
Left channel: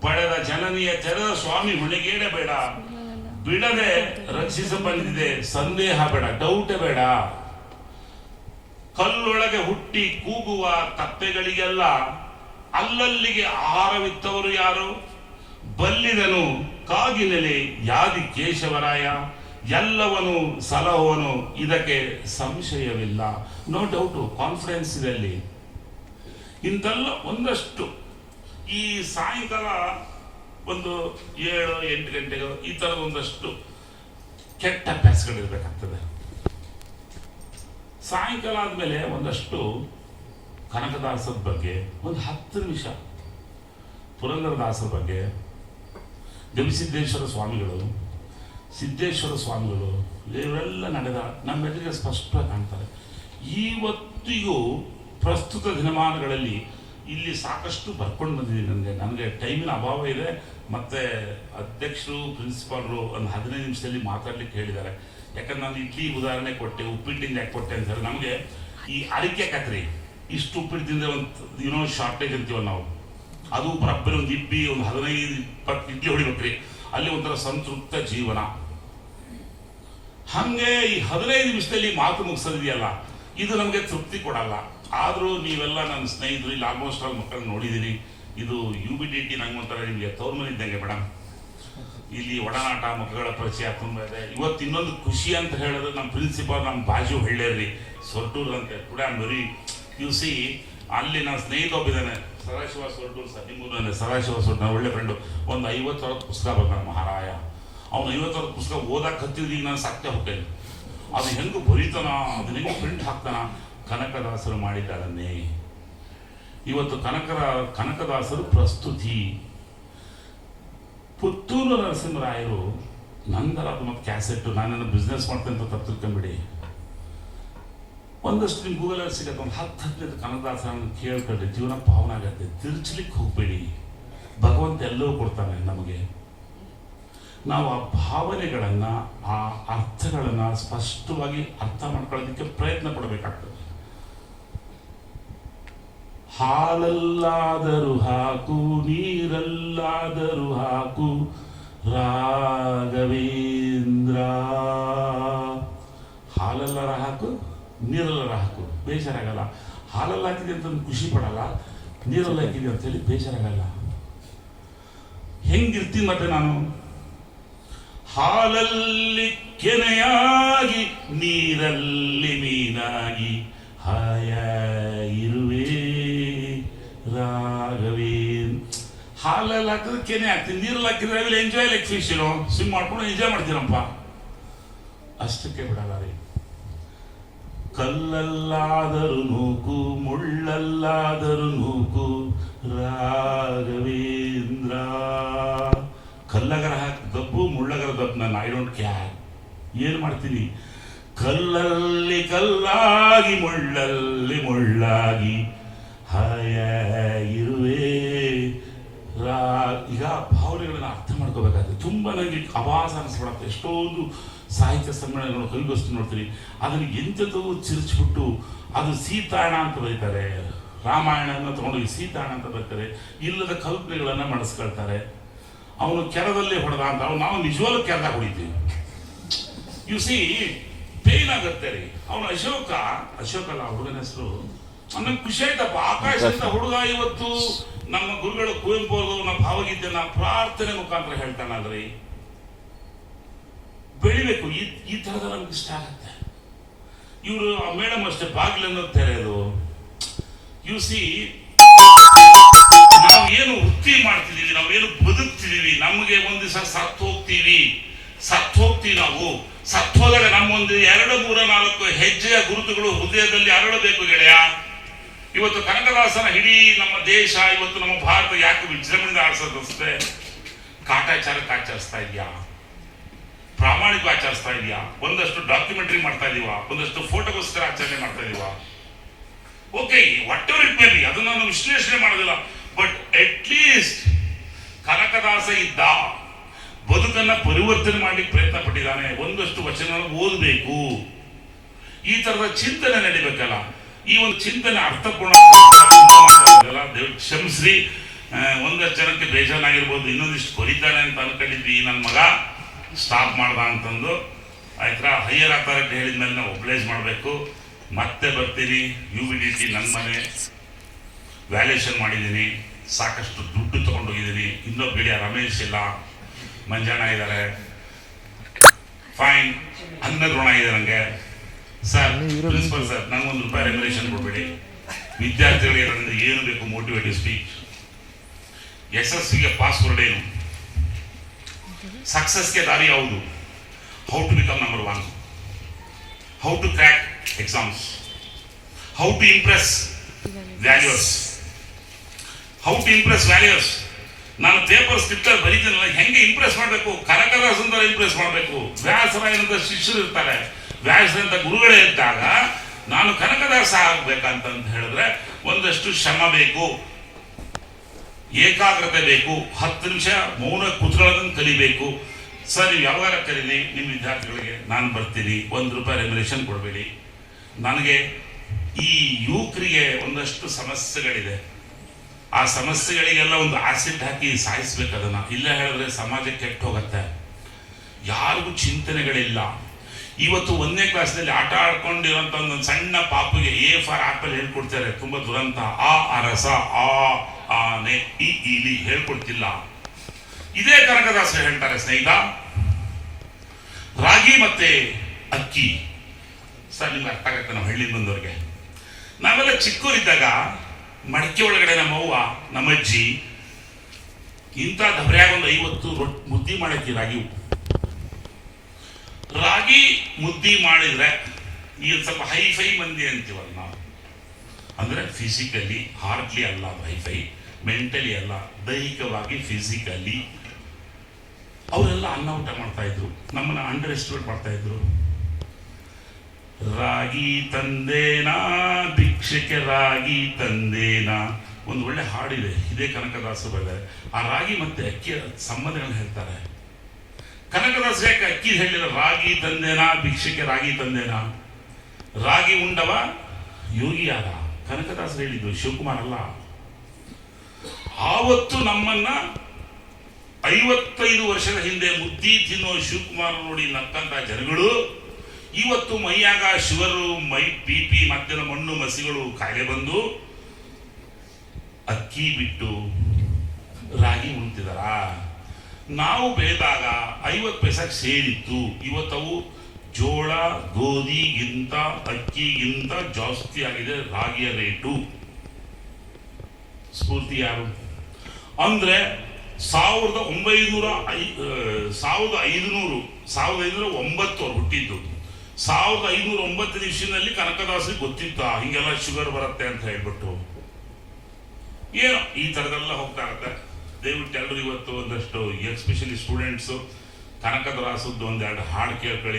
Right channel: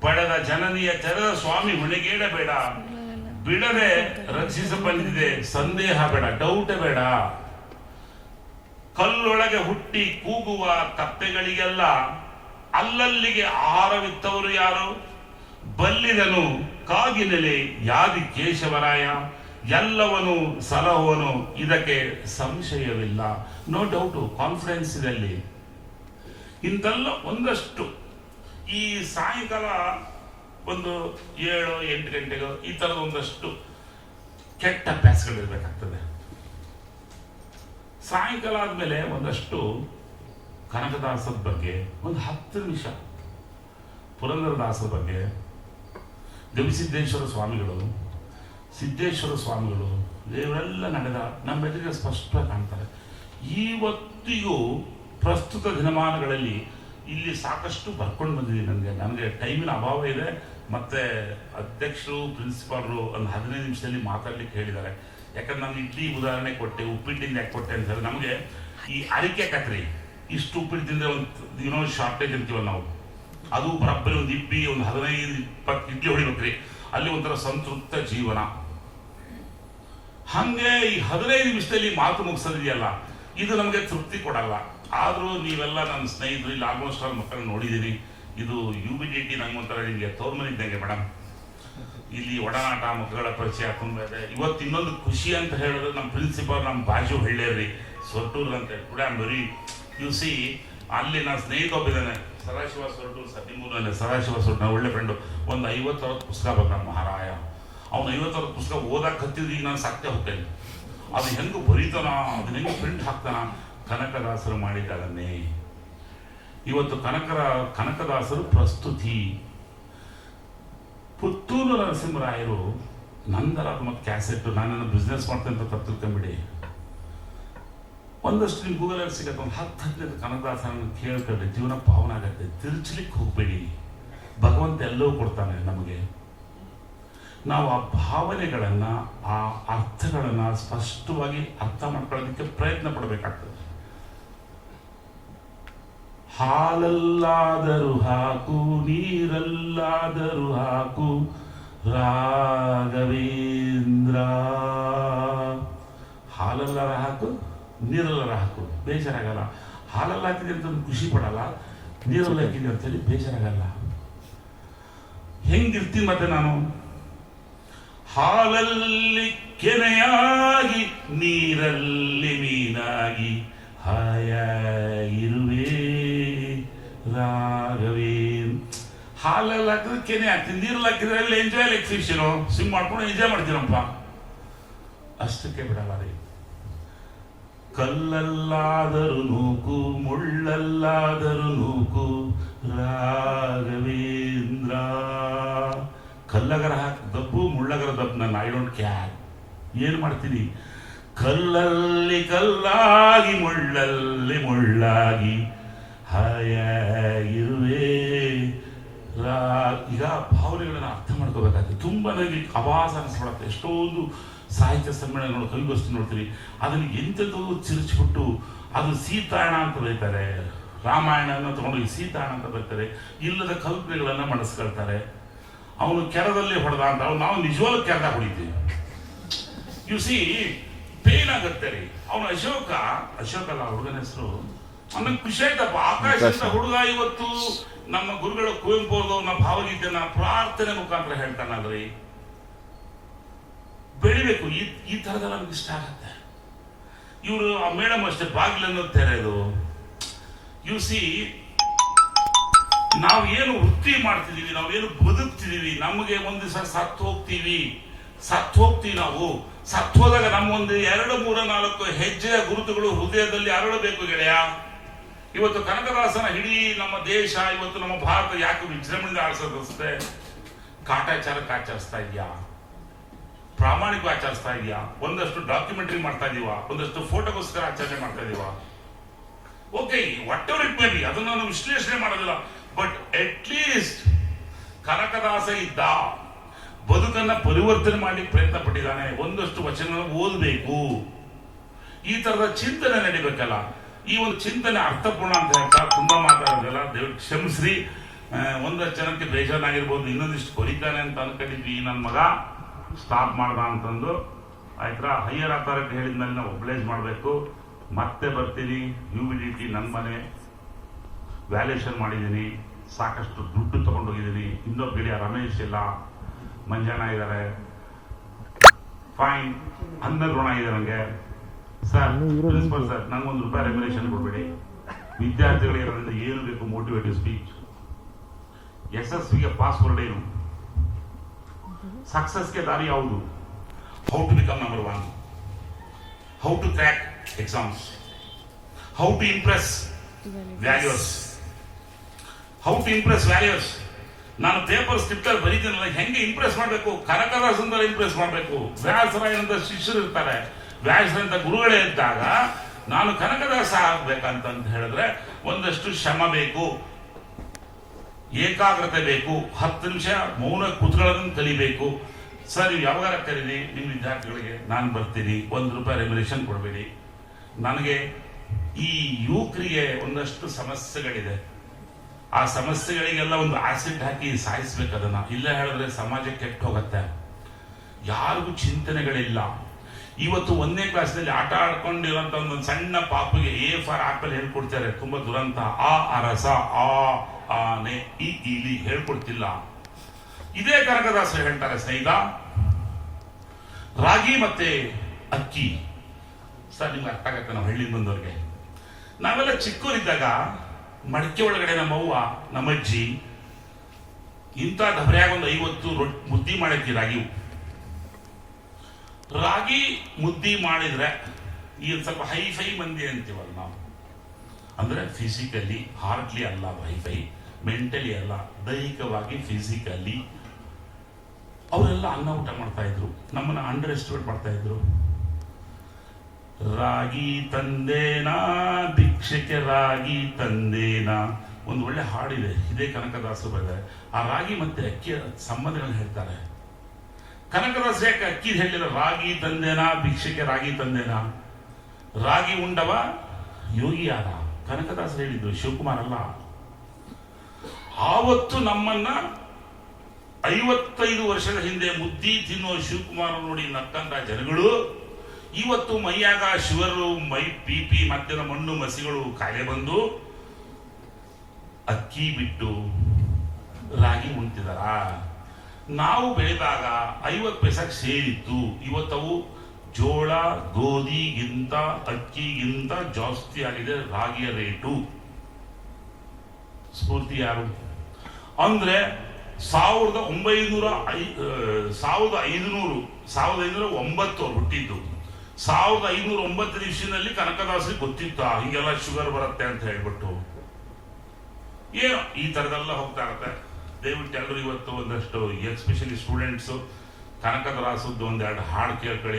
ಪಡೆದ ಜನನಿಯ ತೆರೆದ ಸ್ವಾಮಿ ಹೊಣೆಗೇಡಬೇಡ. ಬಿಡದೆ ರಕ್ಷಿಸ ಬಂದಿದೆ ಸಂದೇಹ ಬೇಡ ಡೌಟ್ ಬೇಡ. ಕಲ್ಲೊಳಗೆ ಹುಟ್ಟಿ ಕೂಗುವ ಕತ್ತೆಗಳಿಗೆಲ್ಲ ಅಲ್ಲಲ್ಲಿಗೆ ಆಹಾರವಿತ್ತವರು ಯಾರು? ಬಲ್ಲಿದನು ಕಾಗಿನೆಲೆ ಯಾದಿ ಕೇಶವರಾಯ. ಎಲ್ಲವನು ಸಲಹುವನು ಇದಕ್ಕೆ ಸಂಶಯವಿಲ್ಲ. ನೋ ಡೌಟು ಕಾನ್ಫಿಡೆನ್ಸ್ ಇದೆ ಅಲ್ಲಿ. ಇಂತೆಲ್ಲ ಒಂದಷ್ಟು ಈ ಸಾಯಂಕಾಲ ಒಂದು ಏಳು, ಎಂಟು ಗಂಟೆಗೆ ಈ ಥರ ಒಂದಷ್ಟು ಕೆಟ್ಟ ಅಭ್ಯಾಸಗಳಿರ್ಬೇಕಾಗ್ತದೆ ಸಾಯಂಕಾಲ ಆದಮೇಲೆ ಒಂದಷ್ಟು ಕನಕದಾಸದ ಬಗ್ಗೆ ಒಂದು ಹತ್ತು ನಿಮಿಷ. ಪುರಂದರದಾಸರ ಬಗ್ಗೆ ಗವಿಸಿದ್ದೇಶ್ವರ ಸ್ವಾಮಿಗಳು, ಸಿದ್ದೇಶ್ವರ ಸ್ವಾಮಿಗಳು ಇವರೆಲ್ಲ ನಡೆದ ನಮ್ಮ ಎದುರಿಗೆ ಸ್ಪಷ್ಟವಾಗಿ ಕಾಣ್ತಾರೆ. ಇವತ್ತಿಗೂ ಪ್ರಸ್ತುತ ದಿನಮಾನಗಳಲ್ಲಿ ಇಲ್ಲಿ ಸಾಕಷ್ಟು ಬರ್ಕೊಂಡು ಬಂದಿದ್ದೀನಿ ನನಗೆ. ನನಗೆ ಟೈಮಿನ ಅಭಾವ ಇದೆ. ಮತ್ತೆ ಅಧ್ಯಕ್ಷರು ಪ್ರಿನ್ಸಿಪಾಲ್ರು ಒಂದು ಹದಿನೈದು ನಿಮಿಷದಲ್ಲಿ ಮಾತಾಡ್ಲಿಕ್ಕೆ ಹೇಳಿದ್ದಾರೆ. ಯಾಕಂದ್ರೆ ನಾನು ಇಡ್ಲಿ ಉದಾಹರಣೆ ಕೊಟ್ಟೆ, ಉಪ್ಪಿಟ್ಟಿಂದ ಯಾಕೆ ಕೊಟ್ಟೆ ಅಂತ ಹೇಳಿದ್ರೆ ನಮಗೆ ಈ ಅರಿಕೆ ಕತ್ರಿ, ಇಷ್ಟು ಉಪ್ಪಿಟ್ಟು ತಿಂದರೆ ಒಂದು ಏನೋ ಶಾರ್ಟೇಜ್ ಅಂತೀವಲ್ಲ ನಾವು. ಅದು ಬರಬ್ಬರಿ ಒಂದು ಇಬ್ಬಿ ಒಂದು ಹದಿನೈದು, ಇಪ್ಪತ್ತು ಇಡ್ಲಿ ಹೊಡಿಬೇಕ್ರಿ. ಅಲ್ಲಿ ಒಂಥರ ಸಂತೃಪ್ತ ಜೀವನ. ಹಂಗೆ ಈ ಹದಿನೈದು ನಿಮಿಷದಲ್ಲಿ ಮಾತು ಮುಗಿಸೋದಿದೆಯಲ್ಲ, ಇದು ನಮಗೆ ತೃಪ್ತಿ ಕೊಡಲ್ಲ. ಆದರೂ ನೀವೆಲ್ಲ ನನ್ನ ಸ್ನೇಹಿತರು, ಇಲ್ಲಿ ಆಲ್ಮೋಸ್ಟ್ ಆಲ್ ಮಕ್ಕಳು ನೋಡಿದ್ದೀನಿ ಇದು ಯು ಬಿ ಡಿ ಟಿ ನಂಗೊಂಥರ ನಿಮಗೆ ತೋರ್ಮನೆ ಇದ್ದಂಗೆ ಮೇಡಮ್ ಇಲ್ಲಿ ಒಡನಾಟ ಮಕ್ಕಳ ಪರಿಚಯ ತುಂಬ ಇದೆ. ಇವತ್ತು ಇನ್ನೊಂದು ಖುಷಿ ಅಂತ ಹೇಳೋದು ನಮ್ಮ ಪ್ರಿನ್ಸಿಪಾಲ್ ನಮ್ಮ ಬಾಜು ಹಳ್ಳಿಯಲ್ಲಿ ಸೊಟ್ಟೂರ್ ಅಂತ. ಕೂಡ ಬರೀ ಯು ಸಿ ಅಲ್ಲಿ ನನ್ನ ಸ್ನೇಹಿತ ಒಬ್ಬಿದ್ದಾನೆ, ಸದಾಶಿವ ಸೊಟ್ಟೂರು ಸತಿಮೂರನೇ, ಸದಾಶಿವ ಸೊಟ್ಟು ನಾವು ಒಳ್ಳೆ ಫ್ರೆಂಡು ಒಂದು ಐವತ್ತು ಅರವತ್ತು ಪುಸ್ತಕ ಬರ್ತಾನೆ ಮಹಾರಾಯ. ಅವ್ನು ಐವತ್ತು ಸಾವಿರ ಪುಸ್ತಕ ಓದಕ್ಕೆ ಹತ್ತಿದ್ರೆ ಈಗ ನಾನು ಸಾಕ್ತೇ ಹೋಗ್ತೇನೆ. ಅದು ಹೆಂಗೆ ಬರೀತಾನ ಅದು ಹೆಂಗೆ ಪ್ರಿಂಟ್ ಹಾಕ್ತಾನ, ಕನಕದಾಸರು ಮಾಡಿದ್ದಾರನ್ನೇ. ಇವತ್ತು ಕನಕರ, ಕನಕದಾಸರು ಪ್ರಸ್ತುತಿ. ಪುತ್ತೂರು ನರಸಿಂಹರಾಯರು ನಂದರ ಮತ್ತು ಕ್ಯಾಸೆಟ್ ನಾನೇನು ಬಿಸ್ನೆಸ್ ಮಾಡ್ತೇನೆ ಅಂತ ತಿಳ್ಕೊಂಬಿಡಿ ಒಂದಷ್ಟು ನೀವು ಗೂಗಲಲ್ಲಿ ಸಿಗತ್ತೆ, ಒಂದು ಹತ್ತು ಹದಿನೈದು ಕನಕದಾಸರನ್ನು ಕೇಳ್ತಾರೆ ಜೀವನ ಪಾವನ ಆಗತ್ತೆ. ತಿರ್ಚಲಿಕ್ಕೆ ಹೋಗಬೇಡಿ. ಭಗವಂತ ಎಲ್ಲವೂ ಕೊಡ್ತಾನೆ ನಮಗೆ. ನಾವು ಆ ಭಾವನೆಗಳನ್ನು, ಆ ಅರ್ಥಗಳನ್ನು ಸ್ಪಷ್ಟವಾಗಿ ಅರ್ಥ ಮಾಡ್ಕೊಳ್ಳೋದಕ್ಕೆ ಪ್ರಯತ್ನ ಪಡಬೇಕಾಗ್ತದೆ. ಹಾಲಲ್ಲಾದರೂ ಹಾಕು, ನೀರಲ್ಲಾದರೂ ಹಾಕು. ರಾಘವೇಂದ್ರ. ಹಾಲಲ್ಲರ ಹಾಕು, ನೀರಲ್ಲರ ಹಾಕು. ಬೇಜಾರಾಗಲ್ಲ. ಹಾಲಲ್ಲಿ ಹಾಕಿದೆ ಅಂತ ಒಂದು ಖುಷಿ ಪಡಲ್ಲ. ನೀರಲ್ಲಿ ಹಾಕಿದೆ ಅಂತ ಹೇಳಿ ಆಗಲ್ಲ ಹೆಂಗಿರ್ತೀನಿ ಮತ್ತೆ ನಾನು? ಹಾಲಲ್ಲಿ ಕೆನೆಯಾಗಿ, ನೀರಲ್ಲಿ ಮೀನಾಗಿ. ಬಿರಿಯಾನಿ ಹಾಕ್ತೀನಿ. ನೀರಲ್ಲಿ ಹಾಕಿದ್ರೆ ಅಲ್ಲಿ ಎಂಜಾಯ್ ಲೈಕ್ ಫಿಶ್ ಇರೋ ಸ್ವಿಮ್ ಮಾಡ್ಕೊಂಡು ಎಂಜಾಯ್ ಮಾಡ್ತೀರಪ್ಪ ಅಷ್ಟಕ್ಕೆ ಬಿಡಲ್ಲ ರೀ. ಕಲ್ಲಲ್ಲಾದರೂ ನೂಕು, ಮುಳ್ಳಲ್ಲಾದರೂ ನೂಕು, ರಾಘವೇಂದ್ರ. ಕಲ್ಲಗರ ಹಾಕಿ ದಬ್ಬು, ಮುಳ್ಳಗರ ದಬ್ಬು ನನ್ನ ಐ ಡೋಂಟ್ ಕ್ಯಾರ್ ಏನು ಮಾಡ್ತೀನಿ? ಕಲ್ಲಲ್ಲಿ ಕಲ್ಲಾಗಿ, ಮುಳ್ಳಲ್ಲಿ ಮುಳ್ಳಾಗಿ ಹಾಯಾಗಿರುವೆ ರಾ ಈಗ ಭಾವನೆಗಳನ್ನ ಅರ್ಥ ಮಾಡ್ಕೋಬೇಕಾದ್ರೆ ತುಂಬ ನನಗೆ ಅವಾಸ ಅನಿಸ್ಬಿಡತ್ತೆ. ಎಷ್ಟೊಂದು ಸಾಹಿತ್ಯ ಸಮ್ಮೇಳನಗಳು ಕಲ್ಗೋಸ್ತು ನೋಡ್ತೀವಿ ಅದನ್ನು ಎಂಥದ್ದು ಚಿರಿಚ್ಬಿಟ್ಟು ಅದು ಸೀತಾಯಣ ಅಂತ ಬರೀತಾರೆ. ರಾಮಾಯಣನ ತಗೊಂಡೋಗಿ ಸೀತಾಯಣ ಅಂತ ಬರೀತಾರೆ. ಇಲ್ಲದ ಕಲ್ಪನೆಗಳನ್ನು ಮಾಡಿಸ್ಕೊಳ್ತಾರೆ ಅವನು ಕೆರದಲ್ಲಿ ಹೊಡೆದ ಅಂತ ಅವನು ನಾವು ನಿಜವಾಗ್ಲೂ ಕೆರೆದಾಗ ಹೊಡಿತೀವಿ. ಯು ಸಿ ಪೇನ್ ಆಗುತ್ತೆ ರೀ. ಅವನು ಅಶೋಕ ಅಶೋಕ ಅಲ್ಲ ಹುಡುಗನ ಹೆಸರು. ಅವನಿಗೆ ಖುಷಿ ಆಯ್ತಪ್ಪ. ಆಕಾಶ. ಹುಡುಗ ಇವತ್ತು ನಮ್ಮ ಗುರುಗಳು ಕುವೆಂಪು ಭಾವಗಿದ್ದ ಭಾವಗೀತೆನ ಪ್ರಾರ್ಥನೆ ಮುಖಾಂತರ ಹೇಳ್ತಾನಲ್ರಿ ಬೆಳಿಬೇಕು. ಈ ಈ ತರದ ನಮ್ಗೆ ಇಷ್ಟ ಆಗುತ್ತೆ. ಇವರು ಆ ಮೇಡಮ್ ಅಷ್ಟೇ ಬಾಗಿಲನ್ನು ತೆರೆಯೋದು ಯು ಸಿ ನಾವು ಏನು ವೃತ್ತಿ ಮಾಡ್ತಿದೀವಿ ನಾವು ಏನು ಬದುಕ್ತಿದೀವಿ ನಮಗೆ ಒಂದು ದಿವಸ ಸತ್ತು ಹೋಗ್ತೀವಿ. ಸತ್ತು ಹೋಗ್ತೀವಿ ನಾವು. ಸತ್ತು ಹೋದಾಗ ನಮ್ಮೊಂದು ಎರಡು, ಮೂರ, ನಾಲ್ಕು ಹೆಜ್ಜೆಯ ಗುರುತುಗಳು ಹೃದಯದಲ್ಲಿ ಅರಳಬೇಕು ಗೆಳೆಯ. ಇವತ್ತು ಕನಕದಾಸನ ಇಡೀ ನಮ್ಮ ದೇಶ, ಇವತ್ತು ನಮ್ಮ ಭಾರತ ಯಾಕೆ ವಿಜೃಂಭಣೆ ಆಡಿಸೋದಷ್ಟೇ ಕಾಟಾಚಾರಕ್ಕೆ ಆಚರಿಸ್ತಾ ಇದೆಯಾ? ಪ್ರಾಮಾಣಿಕ ಆಚರಿಸ್ತಾ ಇದೆಯಾ? ಒಂದಷ್ಟು ಡಾಕ್ಯುಮೆಂಟ್ರಿ ಮಾಡ್ತಾ ಇದೀವ ಒಂದಷ್ಟು ಫೋಟೋಗೋಸ್ಕರ ಆಚರಣೆ ಮಾಡ್ತಾ ಇದೀವ okay whatever it may ಅದನ್ನ ನಾನು ವಿಶ್ಲೇಷಣೆ ಮಾಡೋದಿಲ್ಲ. ಬಟ್ ಅಟ್ ಲೀಸ್ಟ್ ಕನಕದಾಸ ಇದ್ದ, ಬದುಕನ್ನ ಪರಿವರ್ತನೆ ಮಾಡಲಿಕ್ಕೆ ಪ್ರಯತ್ನ ಪಟ್ಟಿದ್ದಾನೆ. ಒಂದಷ್ಟು ವಚನ ಓದಬೇಕು. ಈ ತರದ ಚಿಂತನೆ ನಡಿಬೇಕಲ್ಲ. ಈ ಒಂದು ಚಿಂತನೆ ಅರ್ಥಪೂರ್ಣ ದೇವ್ರು ಕ್ಷಮಿಸ್ರಿ. ಒಂದಷ್ಟು ಜನಕ್ಕೆ ಬೇಜಾರಾಗಿರ್ಬೋದು, ಇನ್ನೊಂದಿಷ್ಟು ಬರೀತಾನೆ ಅಂತ ಅನ್ಕೊಂಡಿದ್ವಿ. ನನ್ನ ಮಗ ಸ್ಟಾಪ್ ಮಾಡ್ದ ಅಂತಂದು. ಆಯ್ತಾ ಹೈಯರ್ ಅಥಾರಿಟಿ ಹೇಳಿದ್ಮೇಲೆ ನಾವು ಒಬ್ಲೈಸ್ ಮಾಡಬೇಕು. ಮತ್ತೆ ಬರ್ತೀನಿ. ಯು ವಿ ಡಿ ಟಿ ನನ್ನ ಮನೆ ವ್ಯಾಲ್ಯೂಷನ್ ಮಾಡಿದ್ದೀನಿ. ಸಾಕಷ್ಟು ದುಡ್ಡು ತಗೊಂಡೋಗಿದ್ದೀನಿ. ಇನ್ನೊಬ್ಬ ಗಿಡ ರಮೇಶ್ ಇಲ್ಲ. ಮಂಜಾನ ಇದ್ದಾರೆ. ಫೈನ್ ಅನ್ನ ಋಣ ಇದೆ ನನಗೆ ಸರ್ ಪ್ರಿನ್ಸಿಪಲ್ ಸರ್ ನಂಗೊಂದು ರೂಪಾಯಿ ರೆಗ್ಯುಲೇಷನ್ ಕೊಡ್ಬೇಡಿ. ವಿದ್ಯಾರ್ಥಿಗಳಿಗೆ ನನ್ನಿಂದ ಏನು ಬೇಕು ಮೋಟಿವೇಟಿವ್ ಸ್ಪೀಚ್ ಯಶಸ್ಸಿಗೆ ಪಾಸ್ವರ್ಡ್ ಏನು ಸಕ್ಸಸ್ಗೆ ದಾರಿ ಯಾವುದು? How to become number one how to crack exams how to impress values how to impress values ನಾನು ಪೇಪರ್ ಸ್ಕ್ರಿಪ್ಟಲ್ಲಿ ಬರೀತೀನಲ್ಲ ಹೆಂಗೆ ಇಂಪ್ರೆಸ್ ಮಾಡಬೇಕು? ಕರಕರ ಸುಂದರ ಇಂಪ್ರೆಸ್ ಮಾಡಬೇಕು. ವ್ಯಾಸರಾಯನಂತ ಶಿಷ್ಯರು ಇರ್ತಾರೆ. ವ್ಯಾಸರಂತ ಗುರುಗಳೇ ಇದ್ದಾಗ, ನಾನು ಕನಕದಾಸ ಆಗ್ಬೇಕಂತ ಹೇಳಿದ್ರೆ ಒಂದಷ್ಟು ಶ್ರಮ ಬೇಕು, ಏಕಾಗ್ರತೆ ಬೇಕು, ಹತ್ತು ನಿಮಿಷ ಮೌನ ಕುತ್ಕೊಳ್ಳೋದನ್ನು ಕಲಿಬೇಕು. ಸರ್, ನೀವು ಯಾವಾಗ ಕರೀನಿ ನಿಮ್ಮ ವಿದ್ಯಾರ್ಥಿಗಳಿಗೆ ನಾನು ಬರ್ತೀನಿ, ಒಂದು ರೂಪಾಯಿ ರೆಗ್ಯುಲೇಷನ್ ಕೊಡಬೇಡಿ. ನನಗೆ ಈ ಯುವಕರಿಗೆ ಒಂದಷ್ಟು ಸಮಸ್ಯೆಗಳಿದೆ. ಆ ಸಮಸ್ಯೆಗಳಿಗೆಲ್ಲ ಒಂದು ಆಸಿಡ್ ಹಾಕಿ ಸಾಯಿಸ್ಬೇಕು ಅದನ್ನ ಇಲ್ಲೇ ಹೇಳಿದ್ರೆ ಸಮಾಜ ಕೆಟ್ಟ ಹೋಗುತ್ತೆ ಯಾರಿಗೂ ಚಿಂತನೆಗಳಿಲ್ಲ. ಇವತ್ತು ಒಂದನೇ ಕ್ಲಾಸ್ನಲ್ಲಿ ಆಟ ಆಡ್ಕೊಂಡಿರೋಂಥ ಒಂದು ಸಣ್ಣ ಪಾಪಿಗೆ ಎ ಫಾರ್ ಆಪಲ್ ಹೇಳ್ಕೊಡ್ತಾರೆ. ತುಂಬಾ ದುರಂತ. ಆ ಅರಸ ಆ ಆನೆ ಈ ಇಲಿ ಹೇಳ್ಕೊಡ್ತಿಲ್ಲ. ಇದೇ ಕನಕದಾಸ ಹೇಳ್ತಾರೆ, ಸ್ನೇಹಿತ. ರಾಗಿ ಮತ್ತೆ ಅಕ್ಕಿ. ಸರ್, ನಿಮ್ಗೆ ಅರ್ಥ ಆಗತ್ತೆ ನಾವು ಹಳ್ಳಿ ಬಂದವ್ರಿಗೆ. ನಾವೆಲ್ಲ ಚಿಕ್ಕವರಿದ್ದಾಗ ಮಡಿಕೆ ಒಳಗಡೆ ನಮ್ಮ ಅವ್ವ, ನಮ್ಮ ಅಜ್ಜಿ ಇಂಥ ಧಬ್ರ್ಯಾಗ ಒಂದು ಐವತ್ತು ರೊಟ್ಟಿ ಮುದ್ದಿ ಮಾಡಕ್ಕೆ ರಾಗಿ ರಾಗಿ ಮುದ್ದಿ ಮಾಡಿದ್ರೆ ಈ ಸ್ವಲ್ಪ ಸ್ವಲ್ಪ ಹೈಫೈ ಮಂದಿ ಅಂತೀವಲ್ಲ ನಾವು. ಅಂದ್ರೆ ಫಿಸಿಕಲಿ ಹಾರ್ಡ್ಲಿ ಅಲ್ಲ ಹೈಫೈ ಮೆಂಟಲಿ ಅಲ್ಲ, ದೈಹಿಕವಾಗಿ ಫಿಸಿಕಲಿ ಅವರೆಲ್ಲ ಅನ್ನ ಊಟ ಮಾಡ್ತಾ ಇದ್ರು. ನಮ್ಮನ್ನ ಅಂಡರ್ ಎಸ್ಟಿಮೇಟ್ ಮಾಡ್ತಾ ಇದ್ರು. ರಾಗಿ ತಂದೇನಾ? ಭಿಕ್ಷಕ್ಕೆ ರಾಗಿ ತಂದೇನಾ? ಒಂದು ಒಳ್ಳೆ ಹಾಡಿದೆ. ಇದೇ ಕನಕದಾಸರಲ್ಲ ಆ ರಾಗಿ ಮತ್ತೆ ಅಕ್ಕಿಯ ಸಂಬಂಧಗಳನ್ನ ಹೇಳ್ತಾರೆ. ಕನಕದಾಸ ಯಾಕೆ ಅಕ್ಕಿ ಹೇಳಿದ, ರಾಗಿ ತಂದೇನಾ ಭಿಕ್ಷಕ್ಕೆ ರಾಗಿ ತಂದೆನಾ? ರಾಗಿ ಉಂಡವ ಯೋಗಿಯಾದ ಕನಕದಾಸ ಹೇಳಿದ್ದು, ಶಿವಕುಮಾರ್ ಅಲ್ಲ. ಆವತ್ತು ನಮ್ಮನ್ನ ಐವತ್ತೈದು ವರ್ಷದ ಹಿಂದೆ ಮುದ್ದಿ ತಿನ್ನುವ ಶಿವಕುಮಾರ್ ನೋಡಿ ನಕ್ಕಂತ ಜನಗಳು, ಇವತ್ತು ಮೈಯಾಗ ಶಿವರು, ಮೈ ಪಿಪಿ ಮತ್ತಿನ ಮಣ್ಣು, ಮಸಿಗಳು ಕಾಯಿಲೆ ಬಂದು ಅಕ್ಕಿ ಬಿಟ್ಟು ರಾಗಿ ಉಣ್ತಿದಾರ? ನಾವು ಬೆಳೆದಾಗ ಐವತ್ತು ಪೈಸೆ ಸೇರಿತ್ತು. ಇವತ್ತವು ಜೋಳ ಗೋಧಿಗಿಂತ ಅಕ್ಕಿಗಿಂತ ಜಾಸ್ತಿ ಆಗಿದೆ, ರಾಗಿಯ ರೇಟು. ಸ್ಫೂರ್ತಿ ಯಾರು? ಅಂದ್ರೆ ಸಾವಿರದ ಒಂಬೈನೂರ ಐ ಸಾವಿರದ ಐದುನೂರು, ಸಾವಿರದ ಐದುನೂರ ಒಂಬತ್ತು ಹುಟ್ಟಿದ್ದು. ಸಾವಿರದ ಐನೂರ ಒಂಬತ್ತು ಇಸ್ವಿನಲ್ಲಿ ಕನಕದಾಸರಿಗೆ ಗೊತ್ತಿತ್ತ? ಹೀಗೆಲ್ಲ ಶುಗರ್ ಬರುತ್ತೆ ಅಂತ ಹೇಳ್ಬಿಟ್ಟು. ಏನೋ ಈ ಥರದೆಲ್ಲ ಹೋಗ್ತಾ ಇರುತ್ತೆ. ದಯವಿಟ್ಟು ಎಲ್ಲರೂ ಇವತ್ತು ಒಂದಷ್ಟು ಎಸ್ಪೆಷಲಿ ಸ್ಟೂಡೆಂಟ್ಸು ಕನಕದಾಸದ್ದು ಒಂದೆರಡು ಹಾಡು ಕೇಳ್ಕೊಳ್ಳಿ.